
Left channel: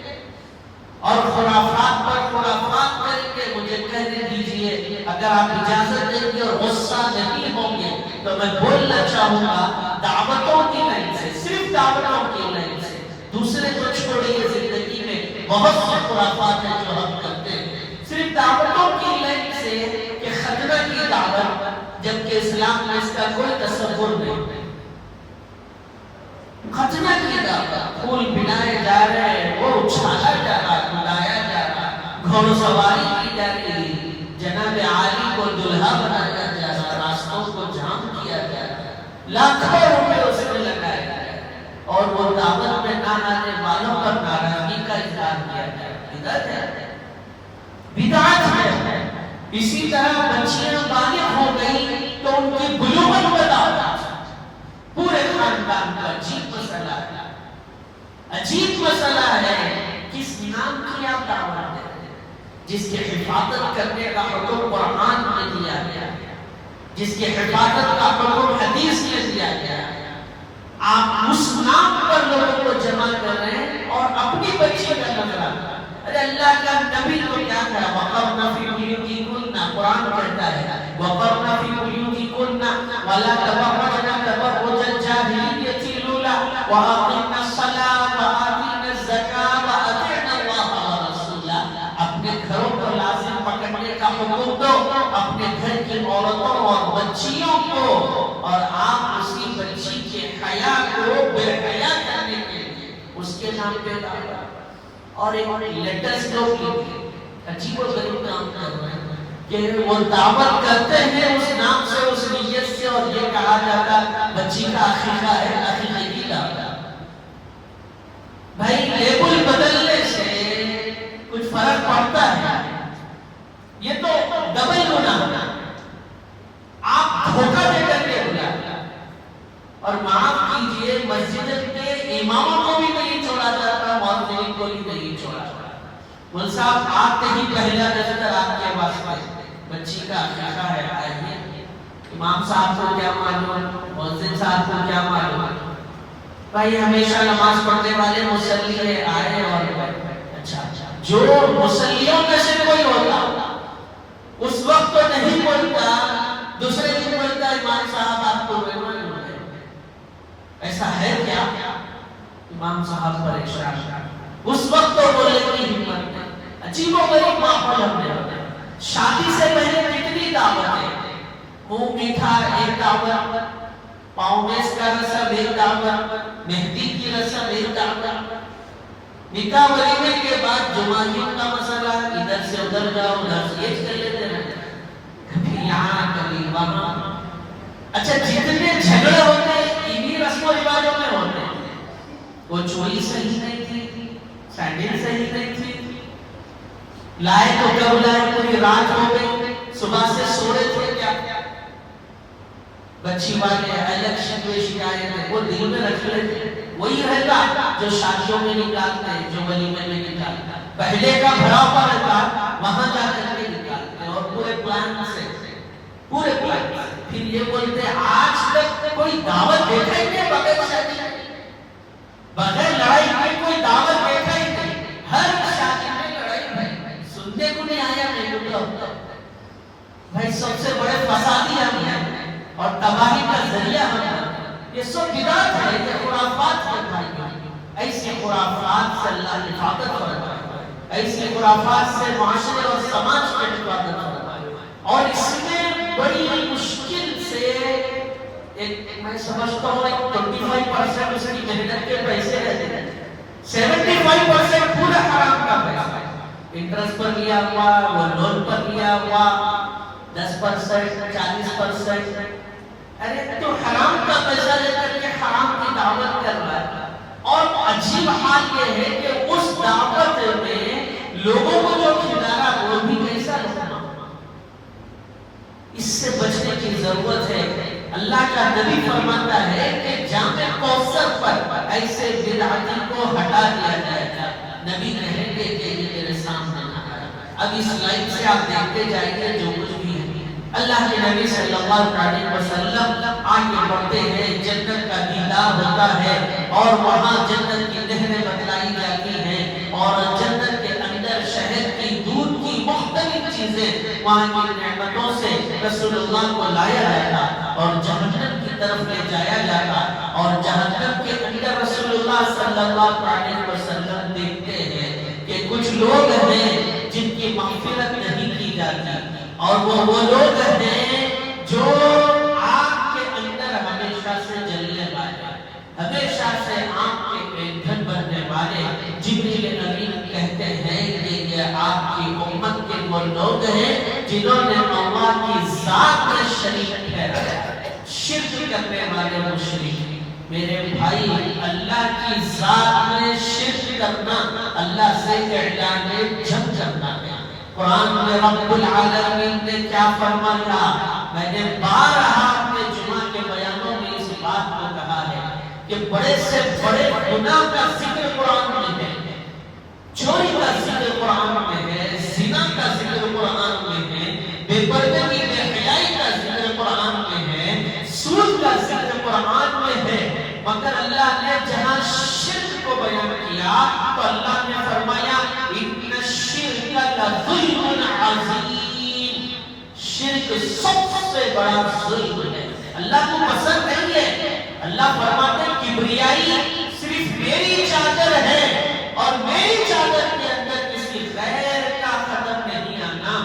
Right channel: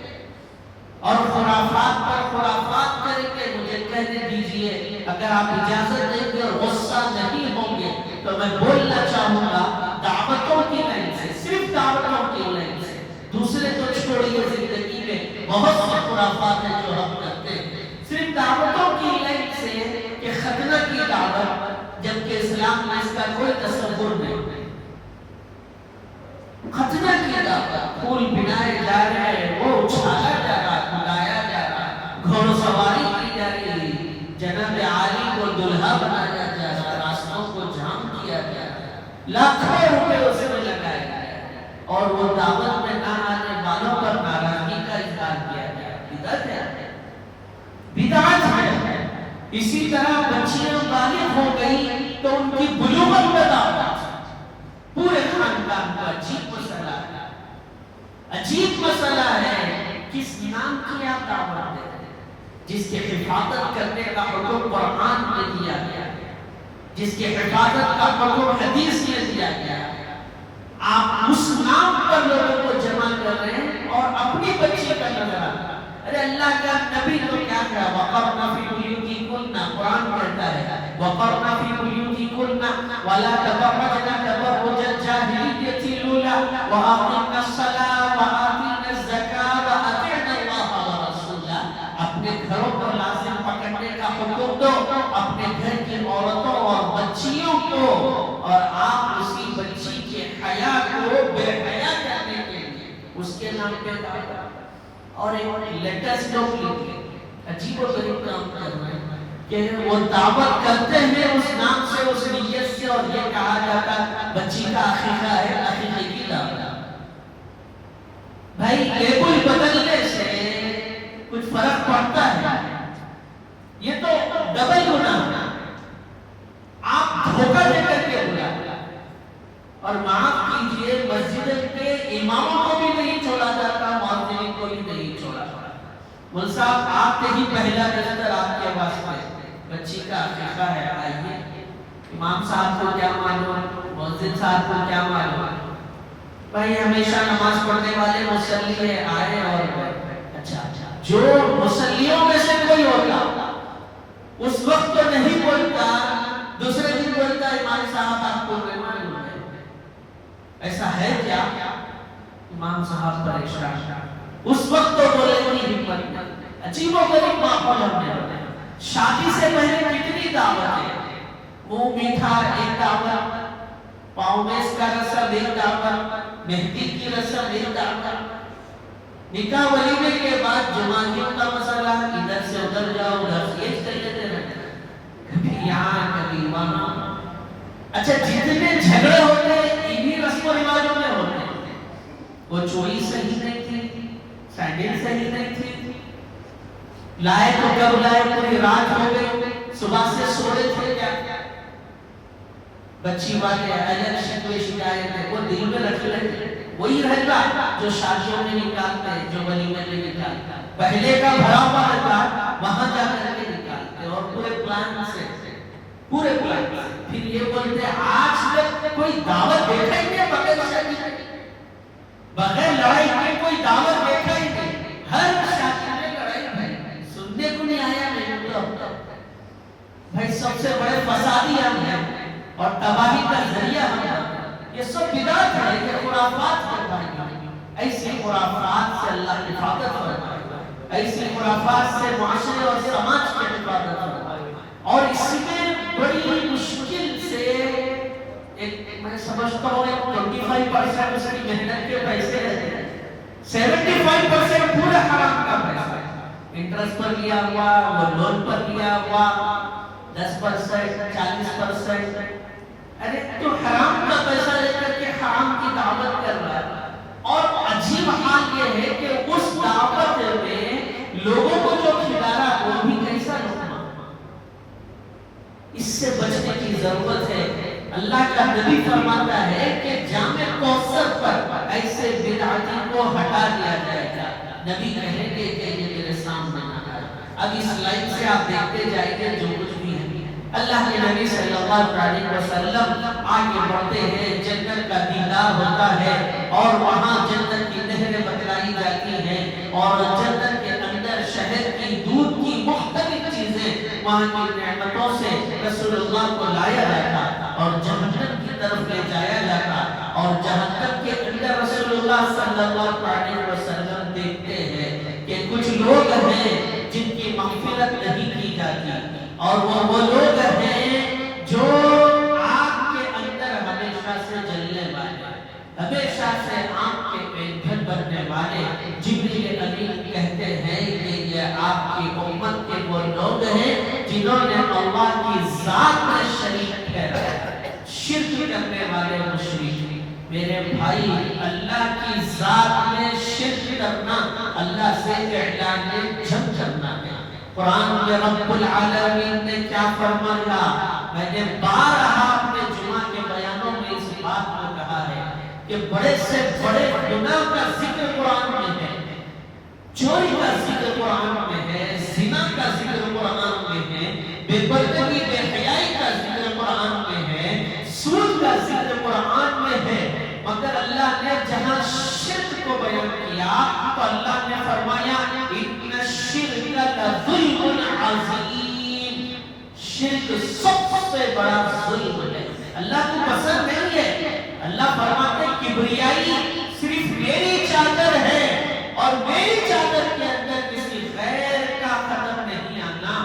اور خرافات پر خرافات کریں گے۔ مجھے کہنے دیجئے، اگر آپ اجازت دیں گے اور غصہ نہیں ہوں گے تو میں بولنا چاہوں گا، دعوتوں کی بہت سے خرافات ہیں جو ہم کرتے ہیں صرف دعوتوں کی لائن سے کہ ختنہ کی دعوت، جبکہ اسلام میں اس کا کوئی تصور نہیں۔ ختنہ کی دعوت، پھول بنائے جا رہے، وہ اچھالا جا رہا، گایا جا رہا، گھوڑ سواری کی جا رہی، جناب عالی کو دلہا بنایا جا رہا، راستوں کو جام کیا جا رہا، لاکھوں روپے اس میں لگائے گئے، اور وہ دعوت میں نہ آنے والوں پر ناراضگی کا اظہار کیا گیا۔ بدعت ہے، بدعت ہے۔ اسی طرح بچیاں بالغ ہو گئی تو ان کی بلوغت میں دعوت، پورے خاندان کا عجیب مسئلہ ہے، عجیب مسئلہ ہے۔ کس نام کی آپ دعوت دیں جس کی حفاظت کرنے کا حکم قرآن میں دیا گیا، جس کی حفاظت کا حکم حدیث میں دیا گیا، آپ اس نام پر لوگوں کو جمع کر رہے ہیں اور اپنی بچی کا نظرہ۔ ارے اللہ کا نبی تو کیا کہا، وَقَرْنَ فِي بُيُوتِكُنَّ، قرآن پڑھتا ہے وَقَرْنَ فِي بُيُوتِكُنَّ وَلَا تَبَرَّجْنَ تَبَرُّجَ الْجَاهِلِيَّةِ الْأُولَىٰ وَأَقِمْنَ الصَّلَاةَ وَآتِينَ الزَّكَاةَ وَأَطِعْنَ اللَّهَ وَرَسُولَهُ۔ اپنے گھروں کو لازم پکڑنے کا حکم دو، اپنے گھر کی عورتوں اور بچیوں کو، اور آپ اسی بچی کے حیا کو بے حیا کرنے کے لیے اس کے نام پہ دعوت، اور ایک لیٹسٹ لوگ عجیب و غریب کام کر رہے ہیں کہ وہ دعوت کرتے ہیں اس نام سے، اس نیت سے، اور یہ کہا جاتا بچی کا عقیقہ ہے، عقیقے کی دعوت۔ بھائی لیبل بدلنے سے کچھ فرق پڑتا ہے؟ یہ تو ڈبل گناہ ہے، آپ دھوکہ دے کر کے بلا، اور معاف کیجئے مسجد کے اماموں کو بھی نہیں چھوڑا جاتا، مؤذنین کو بھی نہیں چھوڑا جاتا۔ مول صاحب آپ کے ہی پہلا نظر آپ کے واسطے بچی کا عقیقہ ہے، آئیے۔ امام صاحب کو کیا معلوم، مؤذن صاحب کو کیا معلوم، بھائی ہمیشہ نماز پڑھنے والے مصلی آئے، اور اچھا جو مصلیوں میں سے کوئی ہوتا اس وقت تو نہیں بولتا، دوسرے دن بولتا امام صاحب آپ کو بیمار ہو گئے، ایسا ہے کیا؟ امام صاحب پریشان، اس وقت تو بولے کوئی ہمت نہیں۔ عجیب و غریب ماحول ہم نے ہوتا ہے۔ شادی سے پہلے کتنی دعوتیں، منہ میٹھا ایک دعوت، پاؤں میں اس کا رسم ایک دعوت، مہندی کی رسم ایک دعوت، نکاح ولیمے کے بعد جمعیوں کا مسئلہ، ادھر سے ادھر جاؤ، ادھر سے یہ چل لیتے ہیں، کبھی یہاں کبھی وہاں۔ اچھا جتنے جھگڑے ہوتے ہیں انہی رسم و رواجوں میں ہوتے ہیں۔ وہ چوڑی صحیح نہیں تھی، سینڈل صحیح نہیں تھی، لائے تو کب لائے، کوئی رات ہو گئی، صبح سے سوئے تھے کیا، بچی والے الیکشن میں شکایت ہے، وہ دل میں رکھ لیتے، وہی رہتا جو شادیوں میں نکالتے ہیں، جو ولیمے میں نکالتے ہیں، پہلے کا بھرا ہوا رہتا وہاں جا کر کے نکالتے، اور پورے پلان سے، پورے پلان سے۔ پھر یہ بولتے آج تک کوئی دعوت دیکھا ہی نہیں بغیر شادی، بغیر لڑائی کی کوئی دعوت دیکھا ہی نہیں، ہر شادی میں لڑائی بھائی، سننے کو نہیں آیا نہیں ہوتا بھائی، سب سے بڑے فسادی ہم ہیں اور تباہی کا ذریعہ ہم ہیں۔ یہ سب بدعت ہے، یہ خرافات ہے بھائی، ایسی خرافات سے اللہ حفاظت فرمائے، ایسی خرافات سے معاشرے اور سماج کی حفاظت فرمائے، اور اس میں بڑی مشکل سے ایک میں سمجھتا ہوں 25% اس کی محنت کے پیسے رہتے ہیں، 75% پورا حرام کا پیسہ ہے، انٹرسٹ پر لیا ہوا، وہ لون پر لیا ہوا، 10% 40%، ارے تو حرام کا پیسہ لے کر کے حرام کی دعوت کر رہا ہے۔ اور عجیب حال یہ ہے کہ اس دعوت میں لوگوں کو جو کھلانا وہ بھی کیسا ہونا، اس سے بچنے کی ضرورت ہے۔ اللہ کا نبی فرماتا ہے کہ جامع کوثر پر ایسے بدعتی کو ہٹا دیا جائے گا، نبی کہیں گے کہ یہ میرے سامنے آ رہا۔ اب اس لائن سے آپ دیکھتے جائیں گے جو کچھ بھی ہے، اللہ کے نبی صلی اللہ علیہ وسلم آگے بڑھتے ہیں، جنت کا دیدار ہوتا ہے، اور وہاں جنت کی نہریں بتلائی جاتی ہیں، اور جنت کے اندر شہد کی، دودھ کی مختلف چیزیں، وہاں کی نعمتوں سے رسول اللہ کو لایا جاتا اور جہنم کی طرف لے جایا جاتا، اور جہنم کے اندر رسول اللہ صلی اللہ علیہ وسلم دیکھتے ہیں کہ کہ کچھ لوگ ہیں جن کی مغفرت نہیں کی جاتی، اور وہ لوگ ہیں جو آگ کے اندر ہمیشہ سے جلنے والے، ہمیشہ سے آگ کے ایندھن بننے والے، جبریل امین کہتے ہیں کہ یہ آپ کی امت کے وہ لوگ ہیں جنہوں نے اللہ کی ذات میں شریک ٹھہرایا، شرک کرنے والے مشرک۔ میرے بھائی، اللہ کی ذات میں شرک کرنا اللہ سے اعلان جنگ کرنا ہے۔ قرآن میں رب العالمین نے کیا فرمایا؟ میں نے بارہا اپنے جمعہ کے بیانوں میں اس بات کو کہا ہے کہ بڑے سے بڑے گناہ کا ذکر قرآن میں ہے، چوری کا ذکر قرآن میں ہے، زنا کا ذکر قرآن میں ہے، بے پردگی بے حیائی کا ذکر قرآن میں ہے، سود کا ذکر قرآن میں ہے، مگر اللہ نے جہاں شرک کو بیان کیا تو اللہ نے فرمایا ان الشرک لظلم عظیم، شرک سب سے بڑا ظلم ہے، اللہ کو پسند نہیں ہے۔ اللہ فرماتے کبریائی صرف میری چادر ہے اور میری چادر کے اندر کسی غیر کا قدم نہیں آنا،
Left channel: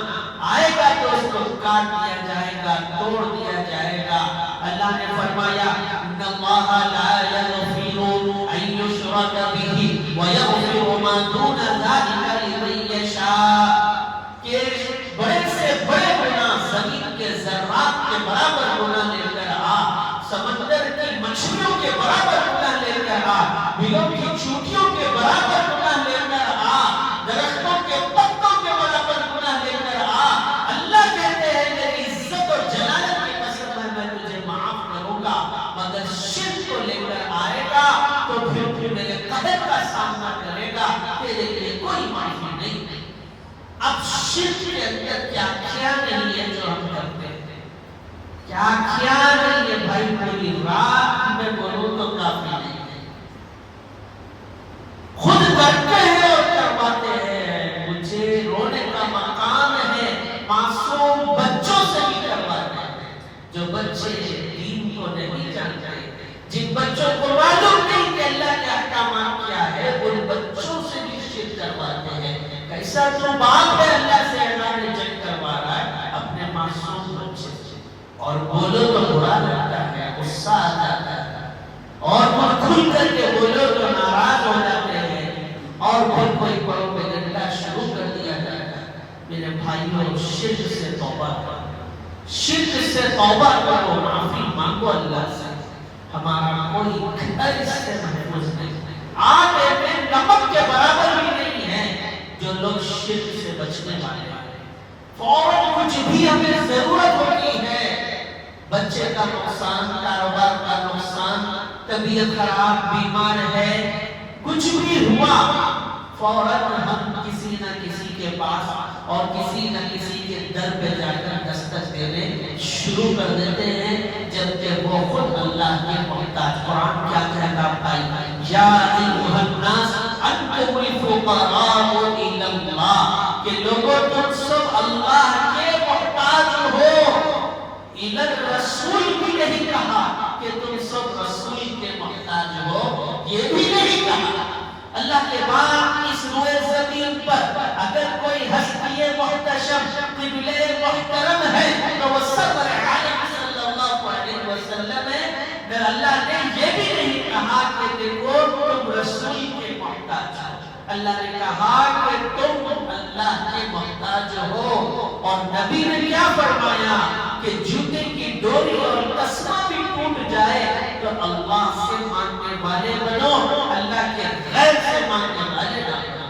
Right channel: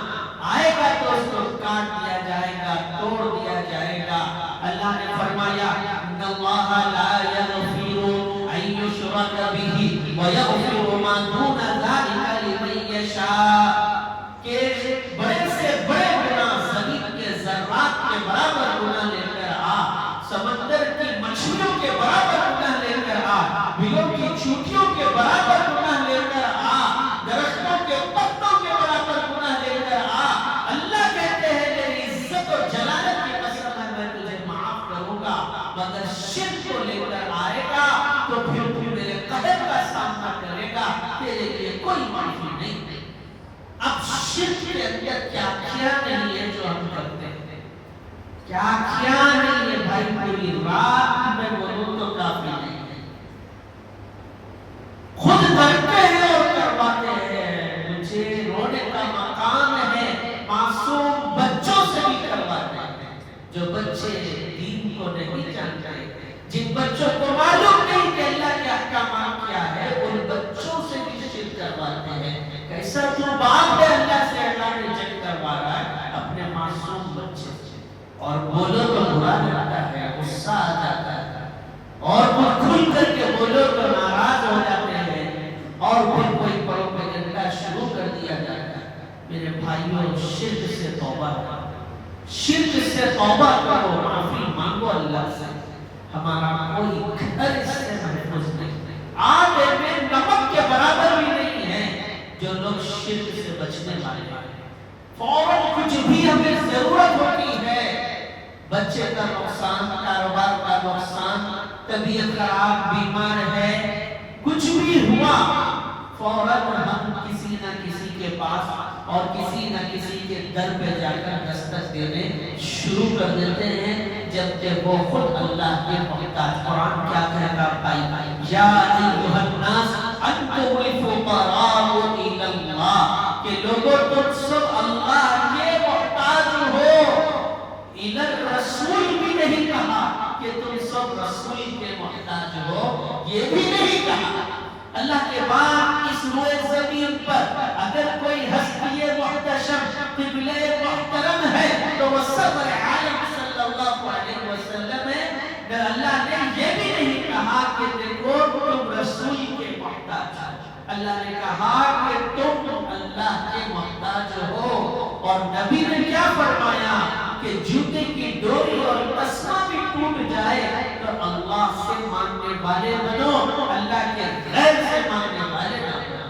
آئے گا تو اس کو کاٹ دیا جائے گا، توڑ دیا جائے گا۔ اللہ نے فرمایا ان اللہ لا یغفر ان یشرک بہ ویغفر ما دون ذلک لمن یشاء، کہ بڑے سے بڑے گناہ زمین کے ذرات کے برابر گناہ لے کر آ، سمندر کی مچھلیوں کے برابر گناہ لے کر آ، بلوں کی چوٹیوں کے برابر گناہ لے کر آ، درختوں کے پتوں کے برابر گناہ لے کر آ، اللہ کہتے ہیں میری عزت اور جلالت کی قسم ہے میں تجھے معاف کروں گا، مگر شرک کو لے کر آئے گا تو پھر تو میرے قہر کا سامنا کرے گا، تیرے لیے کوئی معافی نہیں۔ اب شرک کے اندر کیا کیا نہیں ہے جو ہم کرتے ہیں، کیا کیا نہیں ہے بھائی، پوری رات میں بولوں تو کافی نہیں ہے، خود کرتے ہیں اور کرواتے ہیں۔ مجھے رونے کا مقام ہے معصوم بچوں سے بھی کرواتے ہیں، جو بچے دین کو نہیں جانتے، جن بچوں کو معلوم نہیں کہ اللہ کے احکامات کیا ہے، ان بچوں سے بھی شرک کرواتے ہیں۔ کیسا تو باپ ہے اللہ سے اعلان جنگ کروا رہا ہے اپنے معصوم بچے سے، اور بولو تو برا لگتا ہے، غصہ آ جاتا ہے، اور وہ کھل کر کے بولو تو ناراض ہو جاتے ہیں، اور پھر کوئی پروپیگنڈا شروع کر دیا جاتا ہے۔ میرے بھائیوں، شرک سے توبہ کرو، شرک سے توبہ کرو، معافی مانگو اللہ سے، ہمارا کوئی گھر اس سے محفوظ نہیں، آگ میں نمک کے برابر بھی نہیں ہے جو لوگ شرک سے بچنے والے ہیں۔ فوراً کچھ بھی ہمیں ضرورت ہوتی ہے، بچے کا نقصان، کاروبار کا نقصان، طبیعت خراب، بیمار ہے، کچھ بھی ہوا، فوراً ہم کسی نہ کسی کے پاس اور کسی نہ کسی کے در پہ جا کر دستک دینے شروع کر دیتے ہیں، جبکہ وہ خود اللہ کے محتاج۔ قرآن کیا کہتا ہے؟ یا ایھا الناس انتم الفقراء الی اللہ، کہ لوگوں تم سب اللہ کے محتاج ہو۔ الی الرسول بھی نہیں کہا کہ تم سب رسول کے محتاج ہو، یہ بھی نہیں کہا۔ اللہ کے بعد اس روئے زمین پر اگر کوئی ہستی محتشم قبلہ محترم ہے تو وہ سرور عالم صلی اللہ علیہ وسلم ہے۔ اللہ نے یہ بھی نہیں کہا کہ دیکھو تم رسول کے محتاج ہو، اللہ نے کہا کہ تم اللہ کے محتاج ہو۔ اور نبی نے کیا فرمایا کہ جوتے کی ڈوری اور تسمہ بھی ٹوٹ جائے تو اللہ سے مانگنے والے بنو، اللہ کے غیر سے مانگنے والے نہ بنو۔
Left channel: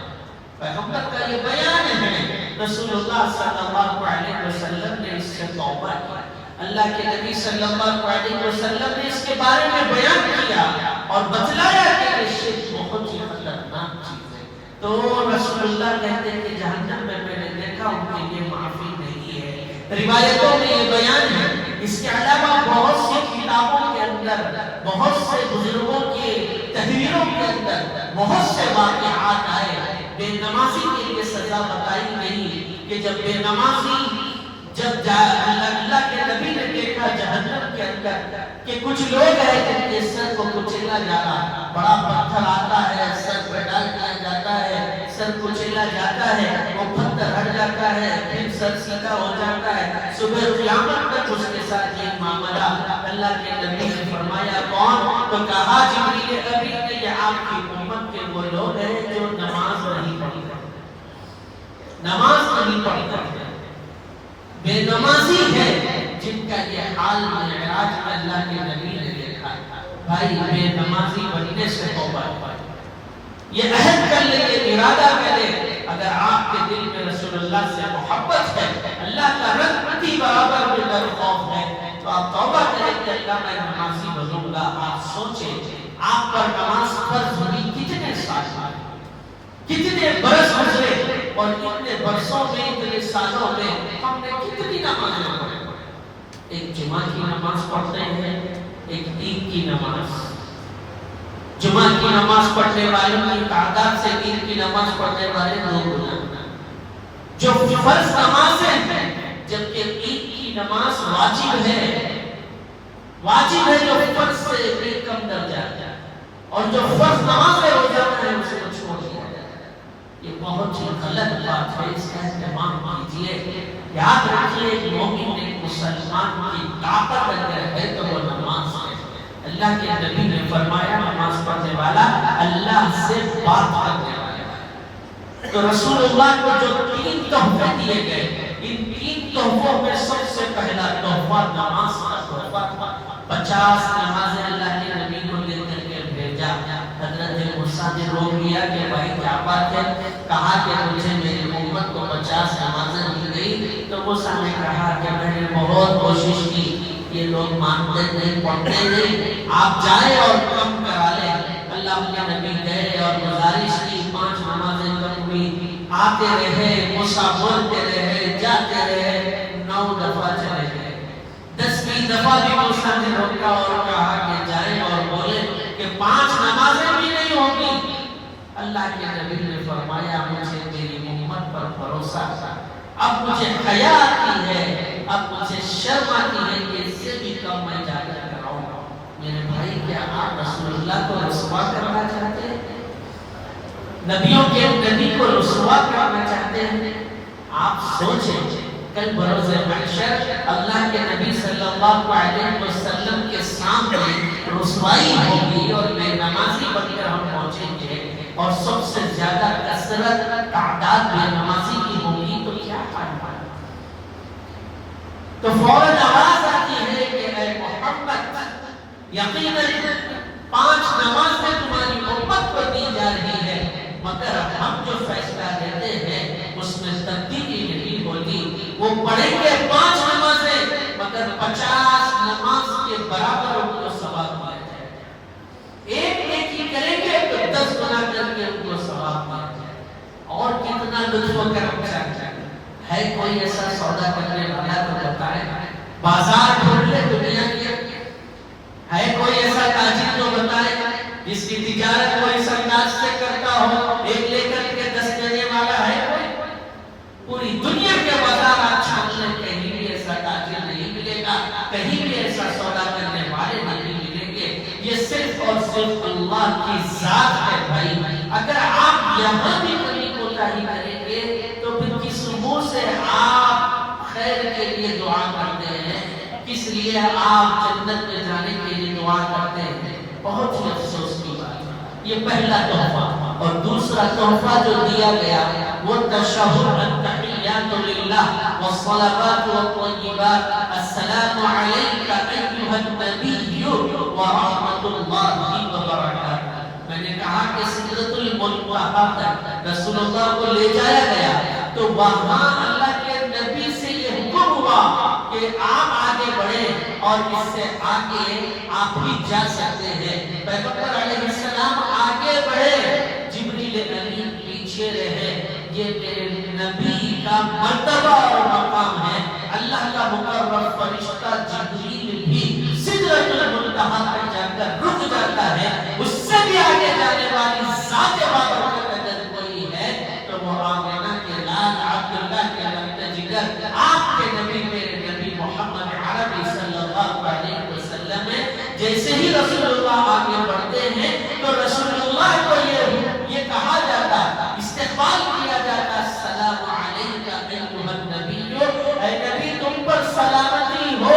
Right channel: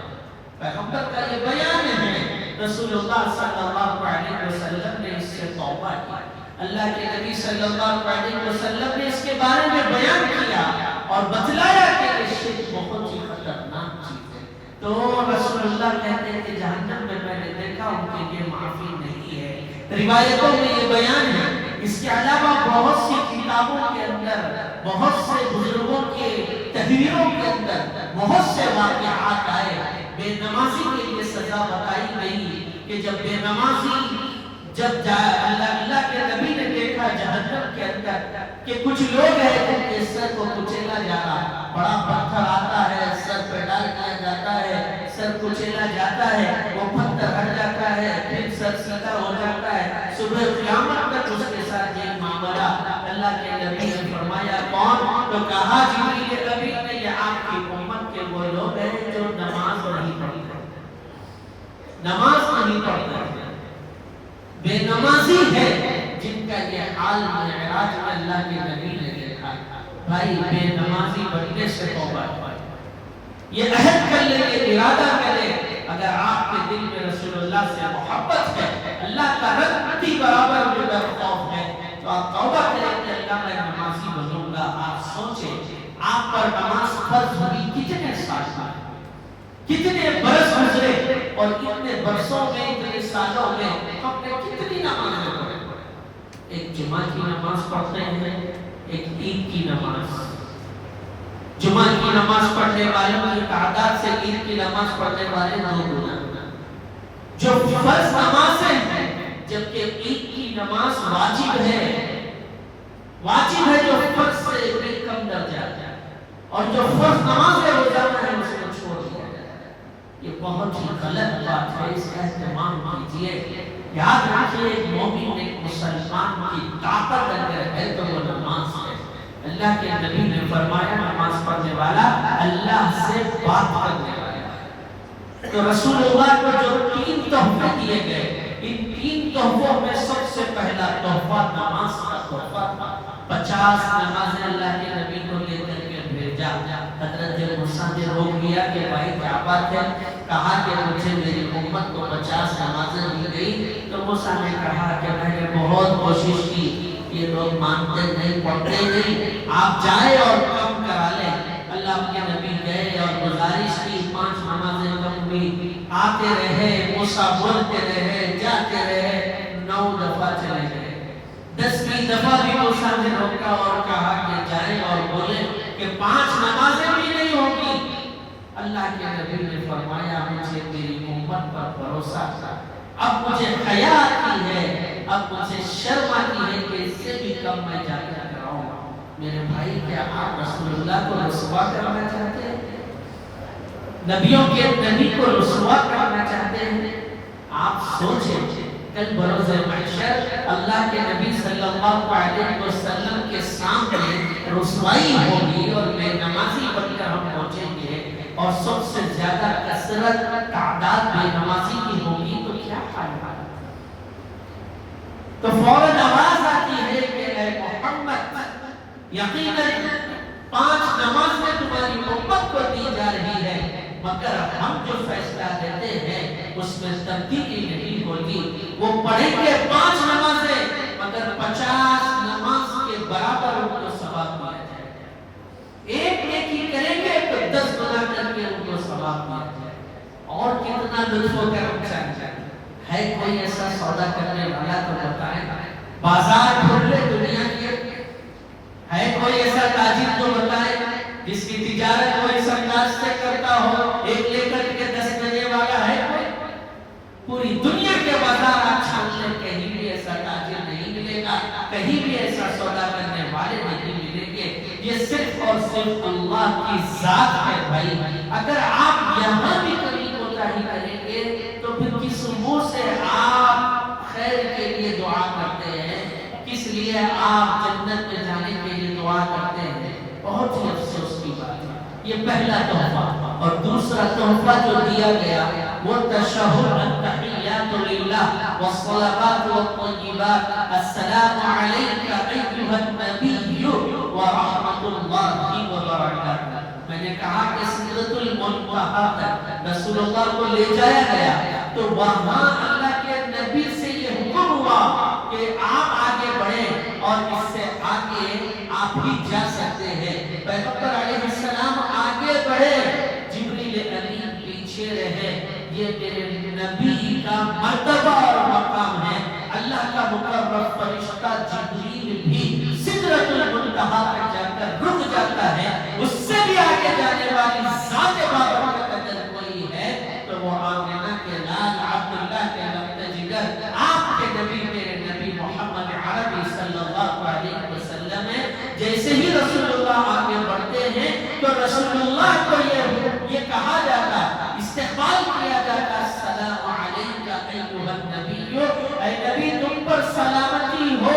پیغمبر کا یہ بیان ہے، رسول اللہ صلی اللہ علیہ وسلم نے اس سے توبہ کی، اللہ کے نبی صلی اللہ علیہ وسلم نے اس کے بارے میں بیان کیا اور بتلایا کہ یہ شرک بہت ہی خطرناک چیز ہے۔ تو رسول اللہ کہتے ہیں کہ جہنم میں نے دیکھا ان کے لیے معافی نہیں ہے، روایتوں میں یہ بیان ہے۔ اس کے علاوہ بہت سی کتابوں کے اندر، بہت سے بزرگوں کے تحریروں کے اندر بہت سے واقعات آئے۔ بے نمازی کے لیے سزا بتائی گئی کہ جب بے نمازی اللہ کے نبی نے دیکھا جہنم کے اندر کہ کچھ لوگ ہیں جن کے سر کو کچیلا جا رہا، بڑا پتھر آتا ہے، سر پہ ڈال دیا جاتا ہے، سر کچلا جاتا ہے، وہ پتھر ہٹ جاتا ہے، پھر سر سیدھا ہو جاتا ہے، صبح قیامت تک اس کے ساتھ یہ معاملہ۔ اللہ کے نبی نے فرمایا کون؟ تو کہا جبریل امین نے یہ آپ کی امت کے وہ لوگ ہیں جو نماز نہیں پڑھتے، نماز نہیں پڑھتے، بے نمازی ہے، جن کا یہ حال معراج میں اللہ کے نبی نے دیکھا۔ بھائی بے نمازی بننے سے توبہ کریں، یہ عہد کر لیں، یہ ارادہ کریں، اگر آپ کے دل میں رسول اللہ سے محبت ہے، اللہ کا رحمتی برابر میں ڈر خوف ہے، تو آپ توبہ کریں کہ اللہ میں نمازی بنوں گا۔ آپ سوچیں آپ پر نماز فرض ہوئی کتنے سال میں، کتنے برس گزرے، اور کتنے برسوں میں، اتنے سالوں میں ہم نے کتنی نمازیں پڑھی؟ ایک جمعہ کی نماز پڑھتے ہیں، ایک عید کی نماز۔ جمعہ کی نماز پڑھنے والوں کی تعداد سے عید کی نماز پڑھنے والے دو گنا، جو فرض نمازیں ہیں، جبکہ عید کی نماز واجب ہے، واجب ہے جو فرض سے ایک کم درجہ ہے، اور جو فرض نماز روزانہ ہے اس کو چھوڑ دیا جاتا ہے۔ یہ بہت ہی غلط بات ہے، اس کا اہتمام کیجیے۔ یاد رکھیے مومن ایک مسلمان کی طاقت اگر ہے تو وہ نماز ہے۔ اللہ کے نبی نے فرمایا نماز پڑھنے والا اللہ سے بات کرنے والا ہے۔ تو رسول اللہ کو جو 3 تحفے دیے گئے، ان 3 تحفوں میں سب سے پہلا تحفہ نماز کا تحفہ تھا۔ 50 نمازیں اللہ کے نبی کو لے کر کے بھیجا۔ حضرت موسیٰ نے روک لیا کہ بھائی کیا بات ہے، کہا کہ مجھے میری امت کو 50 نمازیں مل گئی۔ تو موسیٰ نے کہا کہ میں نے بہت کوشش کی، یہ لوگ مانتے نہیں، پڑھتے نہیں، آپ جائیں اور کم کرا لیں۔ اللہ کے نبی گئے اور گزارش کی، 5 نمازیں کم ہوئی، آتے رہے، موسیٰ بولتے رہے، جاتے رہے، 9 دفعہ چلے گئے۔ 10ویں دفعہ بھی موسیٰ نے روکا اور کہا کہ جائیں اور بولیں کہ 5 نمازیں بھی نہیں ہوگی۔ اللہ کے نبی نے فرمایا مجھے میری امت پر بھروسہ تھا، اب مجھے حیا آتی ہے، اب مجھے شرم آتی ہے کہ اس سے بھی کم میں جا کر کراؤں۔ میرے بھائی کیا آپ رسول اللہ کو رسوا کرنا چاہتے ہیں؟ نبیوں کے نبی کو رسوا کرنا چاہتے ہیں؟ آپ سوچیں کل بروز محشر اللہ کے نبی صلی اللہ علیہ وسلم کے سامنے رسوائی ہوگی اور بے نمازی بن کر ہم پہنچیں گے، اور سب سے زیادہ کثرت تعداد بے نمازی کی ہوگی، تو کیا حال ہے؟ تو فوراً آواز آتی ہے کہ اے محمد، یقیناً 5 نمازیں تمہاری امت کو دی جا رہی ہے، مگر ہم جو فیصلہ دیتے ہیں اس میں تبدیلی نہیں ہوتی۔ وہ پڑھیں گے 5 نمازیں، مگر 50 نماز کے برابر ان کو ثواب دیا جائے گا۔ ایک نیکی کریں گے تو 10 گنا کر کے ان کو ثواب دیا جائے گا۔ اور کتنا لطف و کرم چاہتے ہیں؟ ہے کوئی ایسا سودا کرنے والا تو بتائیں، بازار کھول لے دنیا کی، ہے کوئی ایسا تاجر جو بتائے جس کی تجارت کو اس انداز سے کرتا ہو، 1 لے کر کے 10 دینے والا ہے کوئی؟ پوری دنیا کے بازار آپ چھان لیں، کہیں بھی ایسا تاجر نہیں ملے گا، کہیں بھی ایسا سودا کرنے والے نہیں ملیں گے۔ یہ صرف اور صرف اللہ کی ذات ہے بھائی۔ اگر آپ یہاں بھی کبھی کوتاہی کریں گے تو پھر کس منہ سے آپ خیر کے لیے دعا کرتے ہیں، کس لیے آپ جنت میں جانے کے لیے دعا کرتے ہیں؟ بہت ہی افسوس کی بات ہے۔ یہ پہلا تحفہ۔ اور دوسرا تحفہ جو دیا گیا وہ تشہد، التحیات للہ والصلوات والطیبات، السلام علیک ایھا النبی ورحمۃ اللہ وبرکاتہ۔ میں نے کہا کہ سدرۃ المنتہا تک رسول اللہ کو لے جایا گیا، تو وہاں اللہ کے نبی سے یہ حکم ہوا کہ آپ آگے بڑھیں، اور اس سے آگے آپ بھی جا سکتے ہیں۔ پیغمبر علیہ السلام آگے بڑھے، جبریل امین پیچھے رہے۔ یہ میرے نبی کا مرتبہ اور مقام ہے۔ اللہ کا مقرب فرشتہ جبریل بھی سدرۃ المنتہا پر جا کر رک جاتا ہے۔ اس سے بھی آگے جانے والی ذات بابرکت اگر کوئی ہے تو وہ آمنہ کے لال عبداللہ کے رحمت جگر آپ کے نبی، میرے نبی محمد عربی صلی اللہ علیہ وسلم ہے۔ جیسے ہی رسول اللہ آگے بڑھتے ہیں تو رسول اللہ کو یہ کہا جاتا ہے، استغفار سوال کیا جاتا السلام علیکہ ایھا النبی، اے نبی تم پر سلامتی ہو،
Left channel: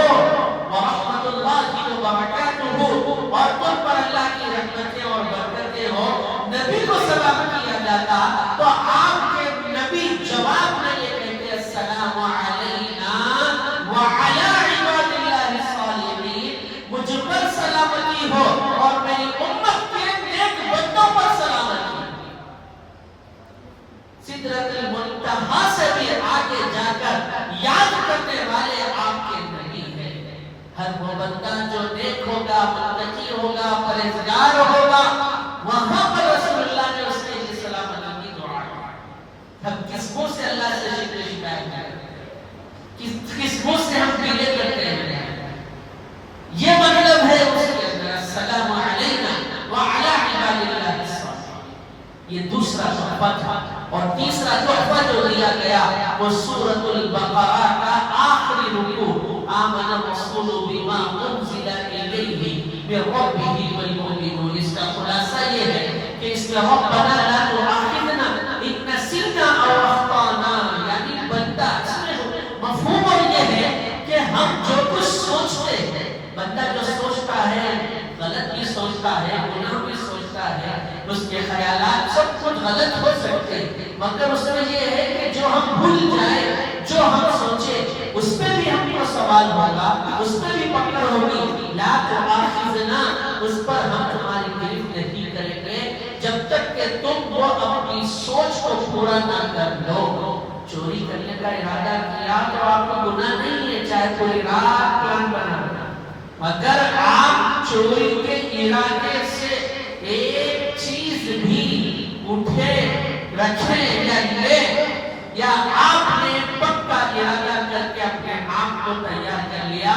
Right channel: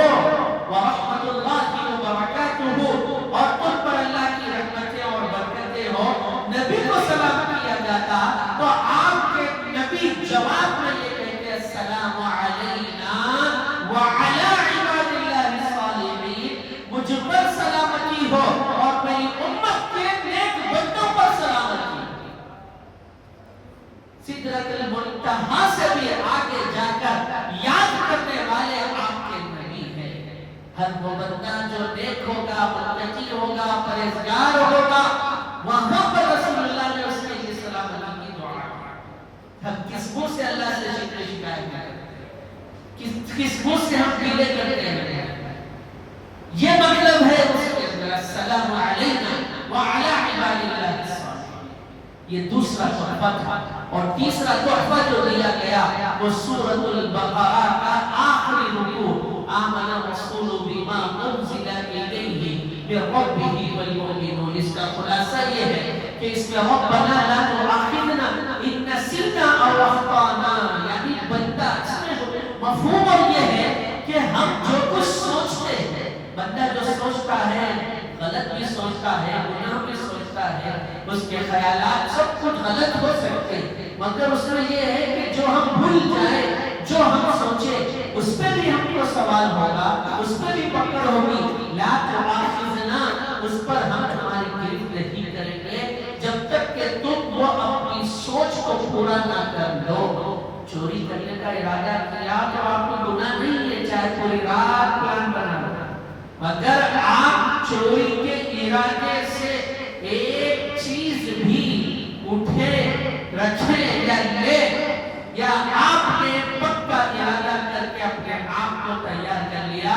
ورحمۃ اللہ وبرکاتہ، اور تم پر اللہ کی رحمتیں اور برکتیں ہو، نبی کو سلام کیا جاتا تو آپ کے نبی جواب میں یہ کہتے السلام علینا وعلی عباد اللہ الصالحین، مجھ پر سلامتی ہو اور میری امت کے نیک بندوں پر سلامتی۔ سدرۃ المنتہا سے بھی آگے جا کر یاد کرنے والے آپ کے نبی ہیں۔ ہر وہ بندہ جو نیک ہوگا، متقی ہوگا، پرہیزگار ہوگا، وہاں پر رسول اللہ نے اس کے لیے سلامتی کی دعا کی۔ ہم کس منہ سے اللہ سے شکایت کرتے ہیں، کس منہ سے ہم پیلے کرتے ہیں؟ یہ مطلب ہے اس کے اندر السلام علینا وعلی عباد اللہ الصالحین۔ یہ دوسرا تحفہ تھا، اور تیسرا تحفہ جو دیا گیا وہ سورۃ البقرہ کا آخری رکوع، آمن الرسول بما انزل الیہ من ربہ والمؤمنون۔ اس کا خلاصہ یہ ہے کہ اس میں ربنا لا تؤاخذنا ان نسینا او اخطانا، یعنی بندہ، اس میں مفہوم یہ ہے کہ ہم جو کچھ سوچتے ہیں، بندہ جو سوچتا ہے غلط بھی سوچتا ہے، گناہ بھی سوچتا ہے، اس کے خیالات سب کچھ غلط ہو سکتے ہیں، مگر اس میں یہ ہے کہ جو ہم بھول جائیں، جو ہم سوچے، اس پہ بھی ہم کو سوال ہوگا، اس پہ بھی پکڑ ہوگی۔ لا تؤاخذنا، اس پر ہم تمہاری گرفت نہیں کریں گے جب تک کہ تم وہ اپنی سوچ کو پورا نہ کر لو۔ چوری کرنے کا ارادہ کیا تو آپ کو گناہ نہیں ہے، چاہے پوری رات پلان بنا، اگر آپ چوری کے ارادے سے ایک چیز بھی اٹھے، رکھے یا لے، یا آپ نے پکا ارادہ کر کے اپنے آپ کو تیار کر لیا،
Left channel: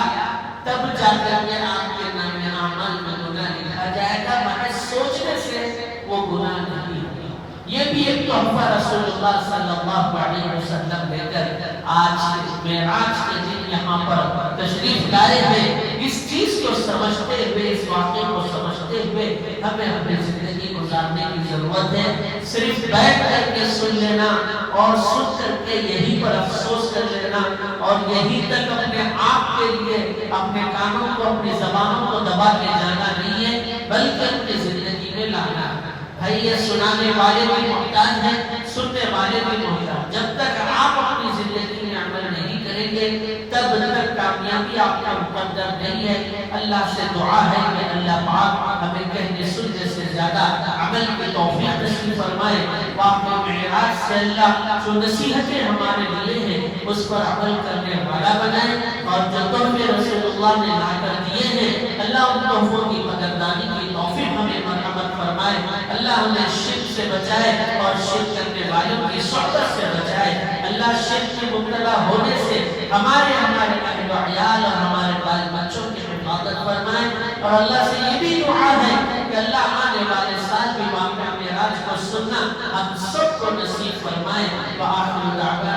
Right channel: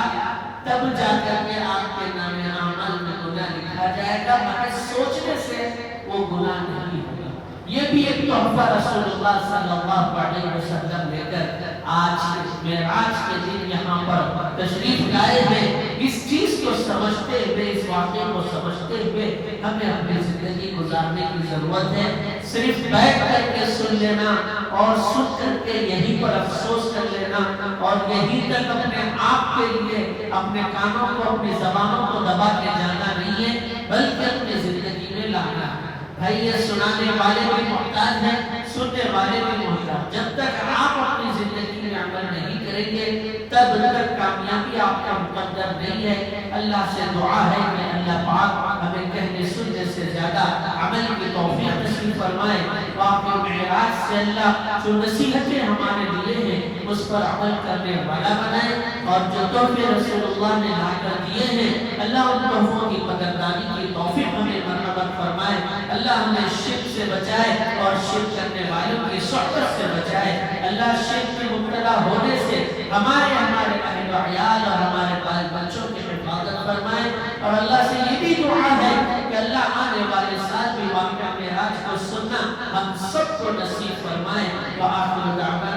تب جا کر کے آپ کے نام اعمال میں گناہ لکھا جائے گا، مگر سوچنے سے وہ گناہ نہیں ہوگا۔ یہ بھی ایک تحفہ رسول اللہ صلی اللہ علیہ وسلم لے کر آج معراج کے دن یہاں پر تشریف لائے ہیں۔ اس چیز کو سمجھتے ہوئے، اس واقعے کو سمجھتے ہوئے ہمیں اپنی زندگی گزارنے کی ضرورت ہے۔ صرف بیٹھ کر کے سن لینا اور سن کر کے یہیں پر افسوس کر لینا اور یہیں تک اپنے آپ کے لیے اپنے کانوں کو، اپنی زبانوں کو دبا کے جانا نہیں ہے، بلکہ اپنی زندگی میں لانا ہے۔ بھائی یہ سنانے والے بھی محتاج ہیں، سننے والے بھی محتاج۔ جب تک آپ اپنی زندگی میں عمل نہیں کریں گے تب تک کامیابی آپ کا مقدر نہیں ہے۔ اللہ سے دعا ہے کہ اللہ پاک ہمیں کہنے سننے سے زیادہ عمل کی توفیق نصیب فرمائے۔ واقعہ معراج سے اللہ جو نصیحتیں ہمارے لیے ہیں اس پر عمل کرنے والا بنائے، اور جو تحفے رسول اللہ نے لا کر دیے ہیں اللہ ان تحفوں کی قدردانی کی توفیق ہمیں مرحمت فرمائے۔ اللہ ہمیں شرک سے بچائے اور شرک کرنے والوں کی صحبت سے بچائے۔ اللہ شرک میں مبتلا ہونے سے ہمارے اہل و عیال اور ہمارے بال بچوں کی حفاظت فرمائے، اور اللہ سے یہ بھی دعا ہے کہ اللہ آنے والے سال بھی واقعہ معراج کو سننا ہم سب کو نصیب فرمائے۔ وآخر دعوانا